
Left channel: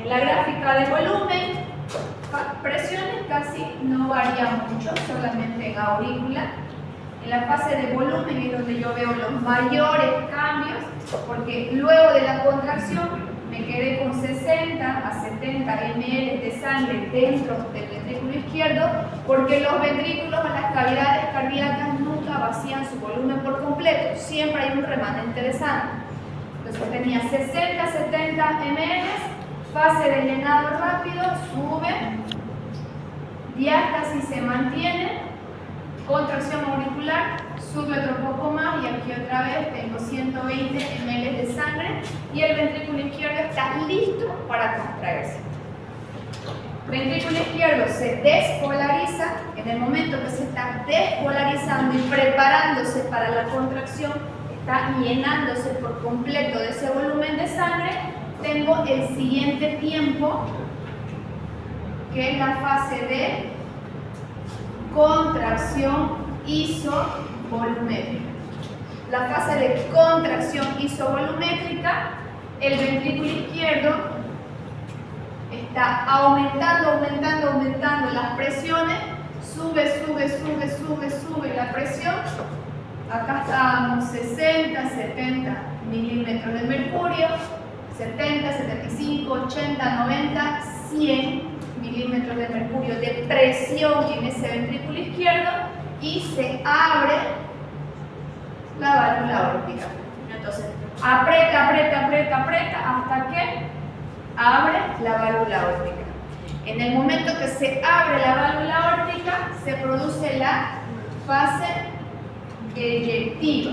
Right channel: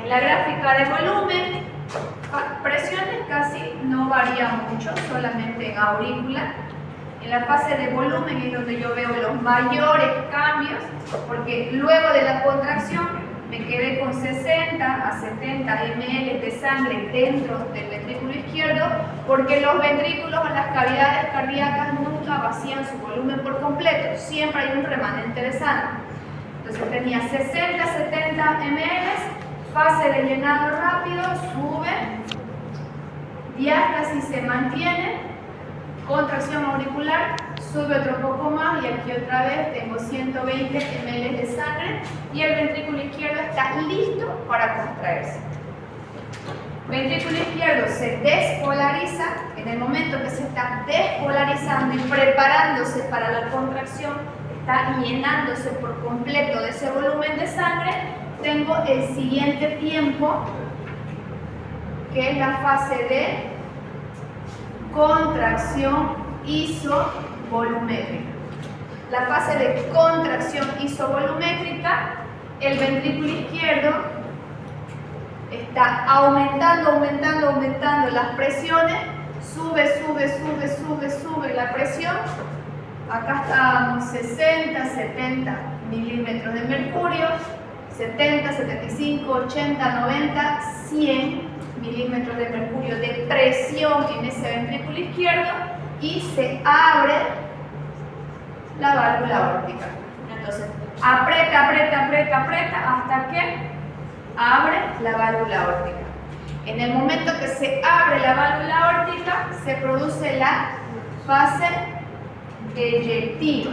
En la gráfica de volumen, presiones casi no varían mucho, solamente en aurícula. En la fase de volumen es donde yo veo los mayores cambios, porque luego de la contracción me quedé con 60 a 70 ml de sangre dentro del ventrículo izquierdo, porque los ventrículos o las cavidades cardíacas nunca vacían su volumen por completo, siempre hay un remanente de sangre. Entonces tenía 60 a 70 ml, fase de llenado rápido, sube, diástasis se mantiene, contracción auricular, sube otro poco más y aquí otra vez tengo 120 ml de sangre y el ventrículo izquierdo está listo para contraerse. Ventrículo izquierdo se despolariza, en el momento que se está despolarizando y preparándose para la contracción, está llenándose por completo de ese volumen de sangre. Tengo el siguiente tiempo, que es la fase de contracción isovolumétrica. La fase de contracción isovolumétrica, el ventrículo izquierdo está aumentando las presiones, sube la presión. Acá estábamos 60, 70 milímetros de mercurio, 70, 75, 80, 90, 100 milímetros de mercurio de presión en ese ventrículo izquierdo, y se abre la válvula aórtica. Entonces, aprieta, aprieta, aprieta, aprieta hasta que abre la válvula aórtica. En el momento que se abre la válvula aórtica, se produce la fase eyectiva.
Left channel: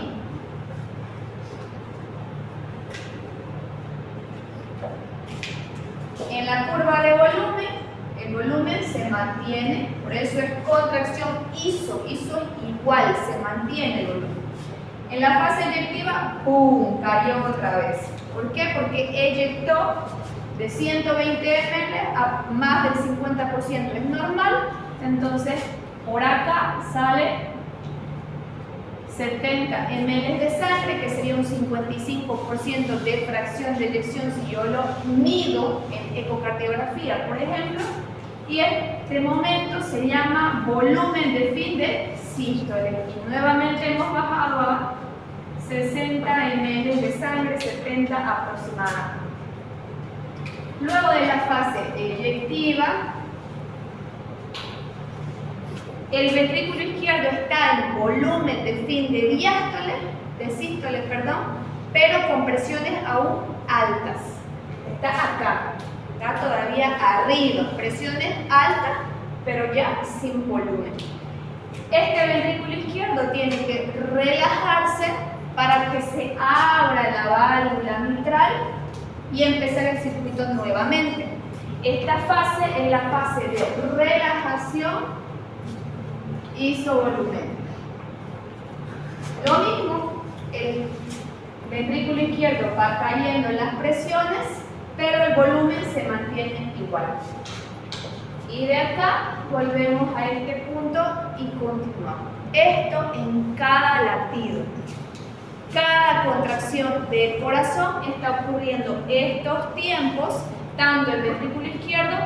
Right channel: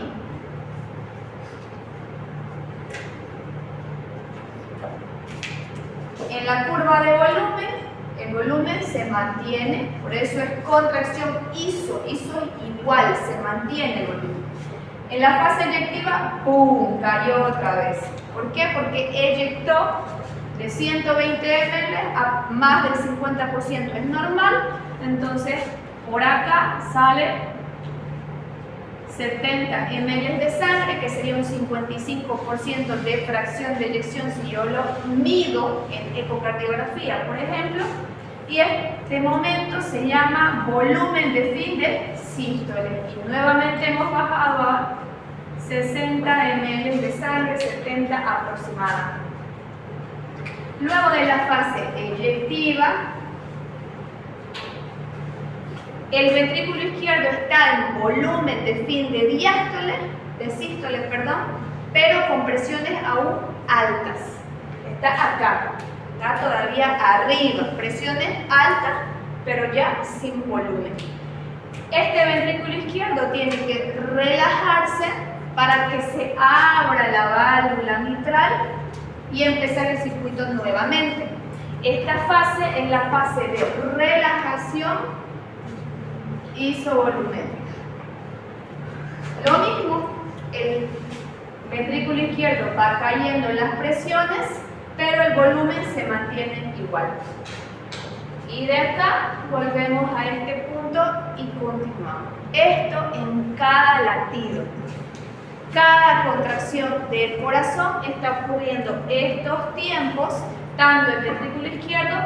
En la curva de volumen, el volumen se mantiene, por eso es contracción iso igual, se mantiene el volumen. En la fase eyectiva, ¡pum!, cayó otra vez. ¿Por qué? Porque eyectó de 120 ml a más del 50%, es normal, entonces por acá sale 70 ml de sangre, que sería un 55% de fracción de eyección si yo lo mido en ecocardiografía, por ejemplo, y este momento se llama volumen de fin de sístole. Y nuevamente hemos bajado a 60 ml de sangre, 70 aproximadamente. Luego de la fase eyectiva, el ventrículo izquierdo está en volumen de fin de sístole, pero con presiones aún altas. Está acá, está todavía arriba, presiones altas, pero ya sin volumen. Este ventrículo izquierdo tiene que relajarse para que se abra la válvula mitral y empezar el circuito nuevamente. Esta fase es la fase de relajación isovolumétrica. Lo mismo, el ventrículo izquierdo va cayendo en las presiones, pero el volumen se mantiene igual. Y de acá volvemos a este punto y continuamos. Esto en cada latido. Cada contracción del corazón está ocurriendo estos tiempos, tanto en ventrículo izquierdo,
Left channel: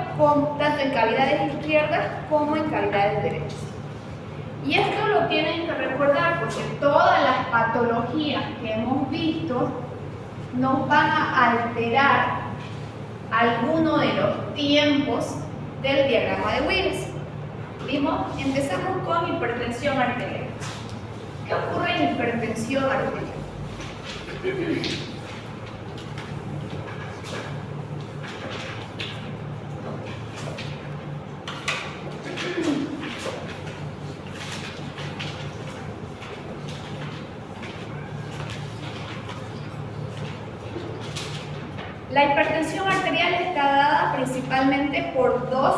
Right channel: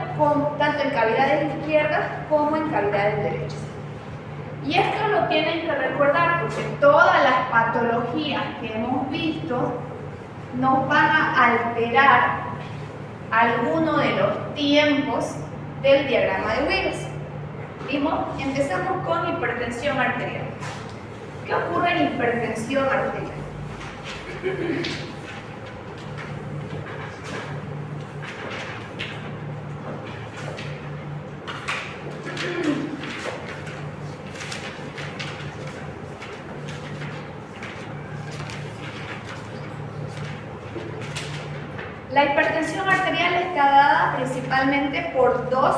tanto en cavidades izquierdas como en cavidades derechas. Y esto lo tienen que recordar porque todas las patologías que hemos visto nos van a alterar alguno de los tiempos del diagrama de Wills. Empecemos con hipertensión arterial. ¿Qué ocurre en hipertensión arterial? La hipertensión arterial está dada principalmente por dos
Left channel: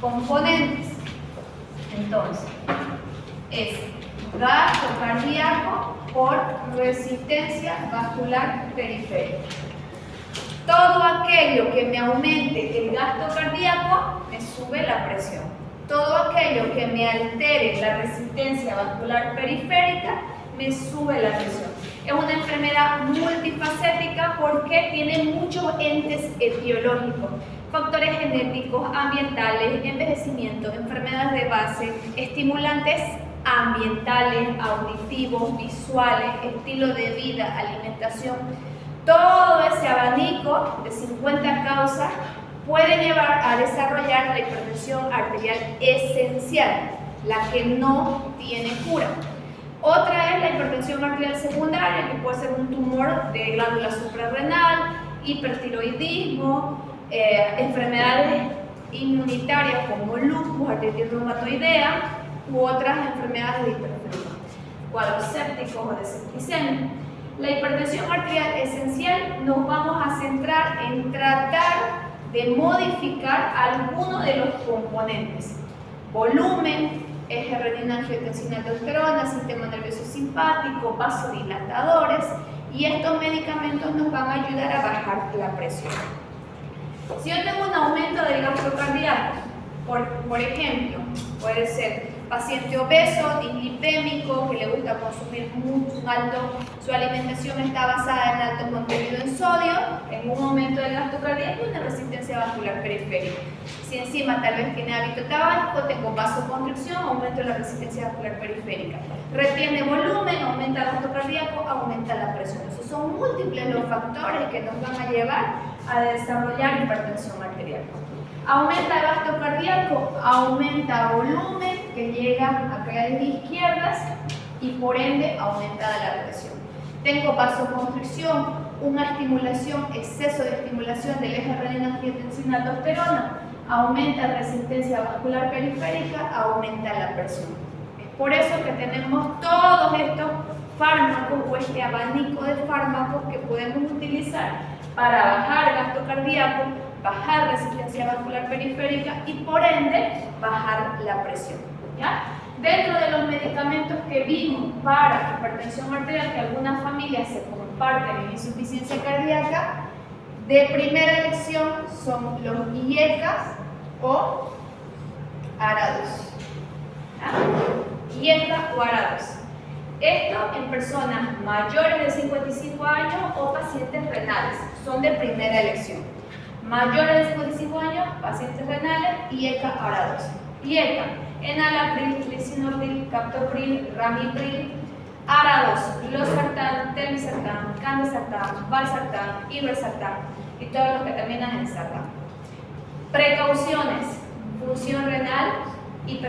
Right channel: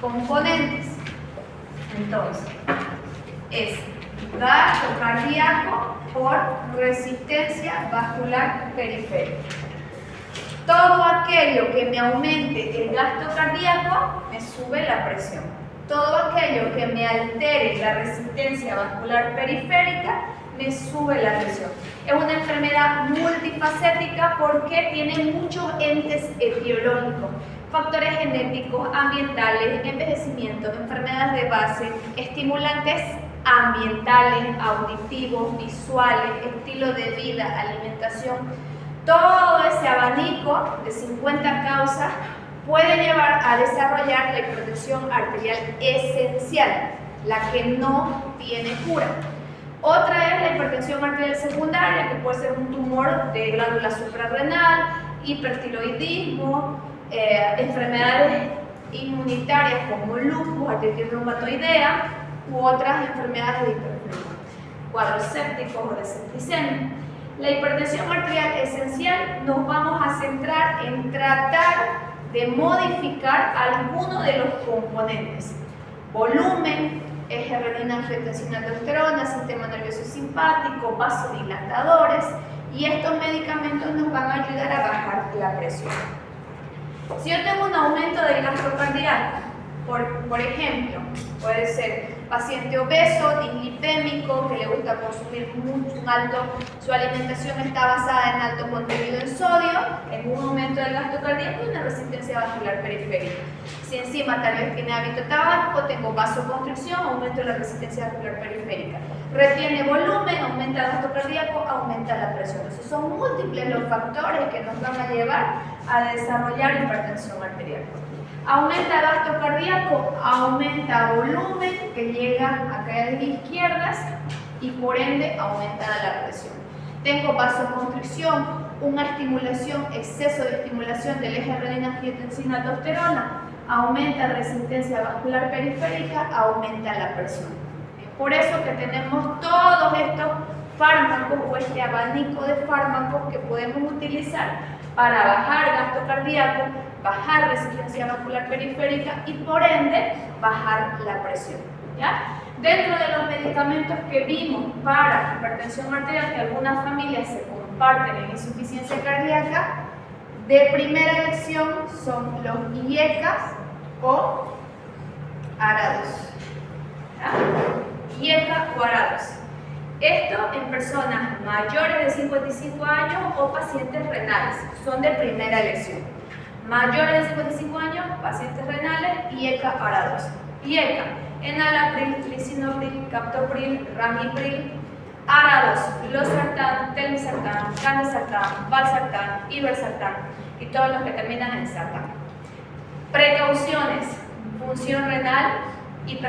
componentes. Entonces, es gasto cardíaco por resistencia vascular periférica. Todo aquello que me aumente el gasto cardíaco me sube la presión. Todo aquello que me altere la resistencia vascular periférica me sube la presión. Es una enfermedad multifacética porque tiene muchos entes etiológicos. Factores genéticos, ambientales, envejecimiento, enfermedades de base, estimulantes ambientales, auditivos, visuales, estilo de vida, alimentación. Todo ese abanico de 50 causas puede llevar a desarrollar la hipertensión arterial esencial, la que no tiene cura. Otra es la hipertensión arterial secundaria, que puede ser un tumor de glándula suprarrenal, hipertiroidismo, enfermedades inmunitarias como lupus, artritis reumatoidea u otras enfermedades de hipertensión, cuadros sépticos o de septicemia. La hipertensión arterial esencial nos vamos a centrar en tratar de modificar algunos de los componentes: volumen, eje renina-angiotensina-aldosterona, sistema nervioso simpático, vasodilatadores, y estos medicamentos nos van a ayudar a bajar la presión. Si yo tengo un aumento del gasto cardíaco, por ejemplo, puede ser paciente obeso, dislipémico, que le gusta consumir mucho alto, su alimentación está basada en alto contenido en sodio, en un aumento del gasto cardíaco y una resistencia vascular periférica. Si encima tal vez tiene hábito tabáquico, tengo vasoconstricción, aumento de la resistencia vascular periférica. Retiene volumen, aumenta el gasto cardíaco, aumenta la presión. Entonces son múltiples los factores que nos van a llevar a desarrollar hipertensión arterial. Aumenta el gasto cardíaco, aumenta volumen, que llega a caídas izquierdas y por ende aumenta la presión. Tengo vasoconstricción, una estimulación, exceso de estimulación del eje renina-angiotensina-aldosterona, aumenta la resistencia vascular periférica, aumenta la presión. Es por eso que tenemos todos estos fármacos o este abanico de fármacos que podemos utilizar para bajar gasto cardíaco, bajar resistencia vascular periférica y por ende bajar la presión. ¿Ya? Dentro de los medicamentos que vimos para hipertensión arterial, que algunas familias se comparten en insuficiencia cardíaca, de primera elección son los IECA o ARA-2. IECA o ARA-2. Esto en personas mayores de 55 años o pacientes renales, son de primera elección. Mayores de 55 años, pacientes renales, IECA ARA-2. IECA, enalapril, lisinopril, captopril, ramipril, ARA-2, losartán, telmisartán, candesartán, valsartán, irbesartán y todos los que terminan en sartán. Precauciones: función renal,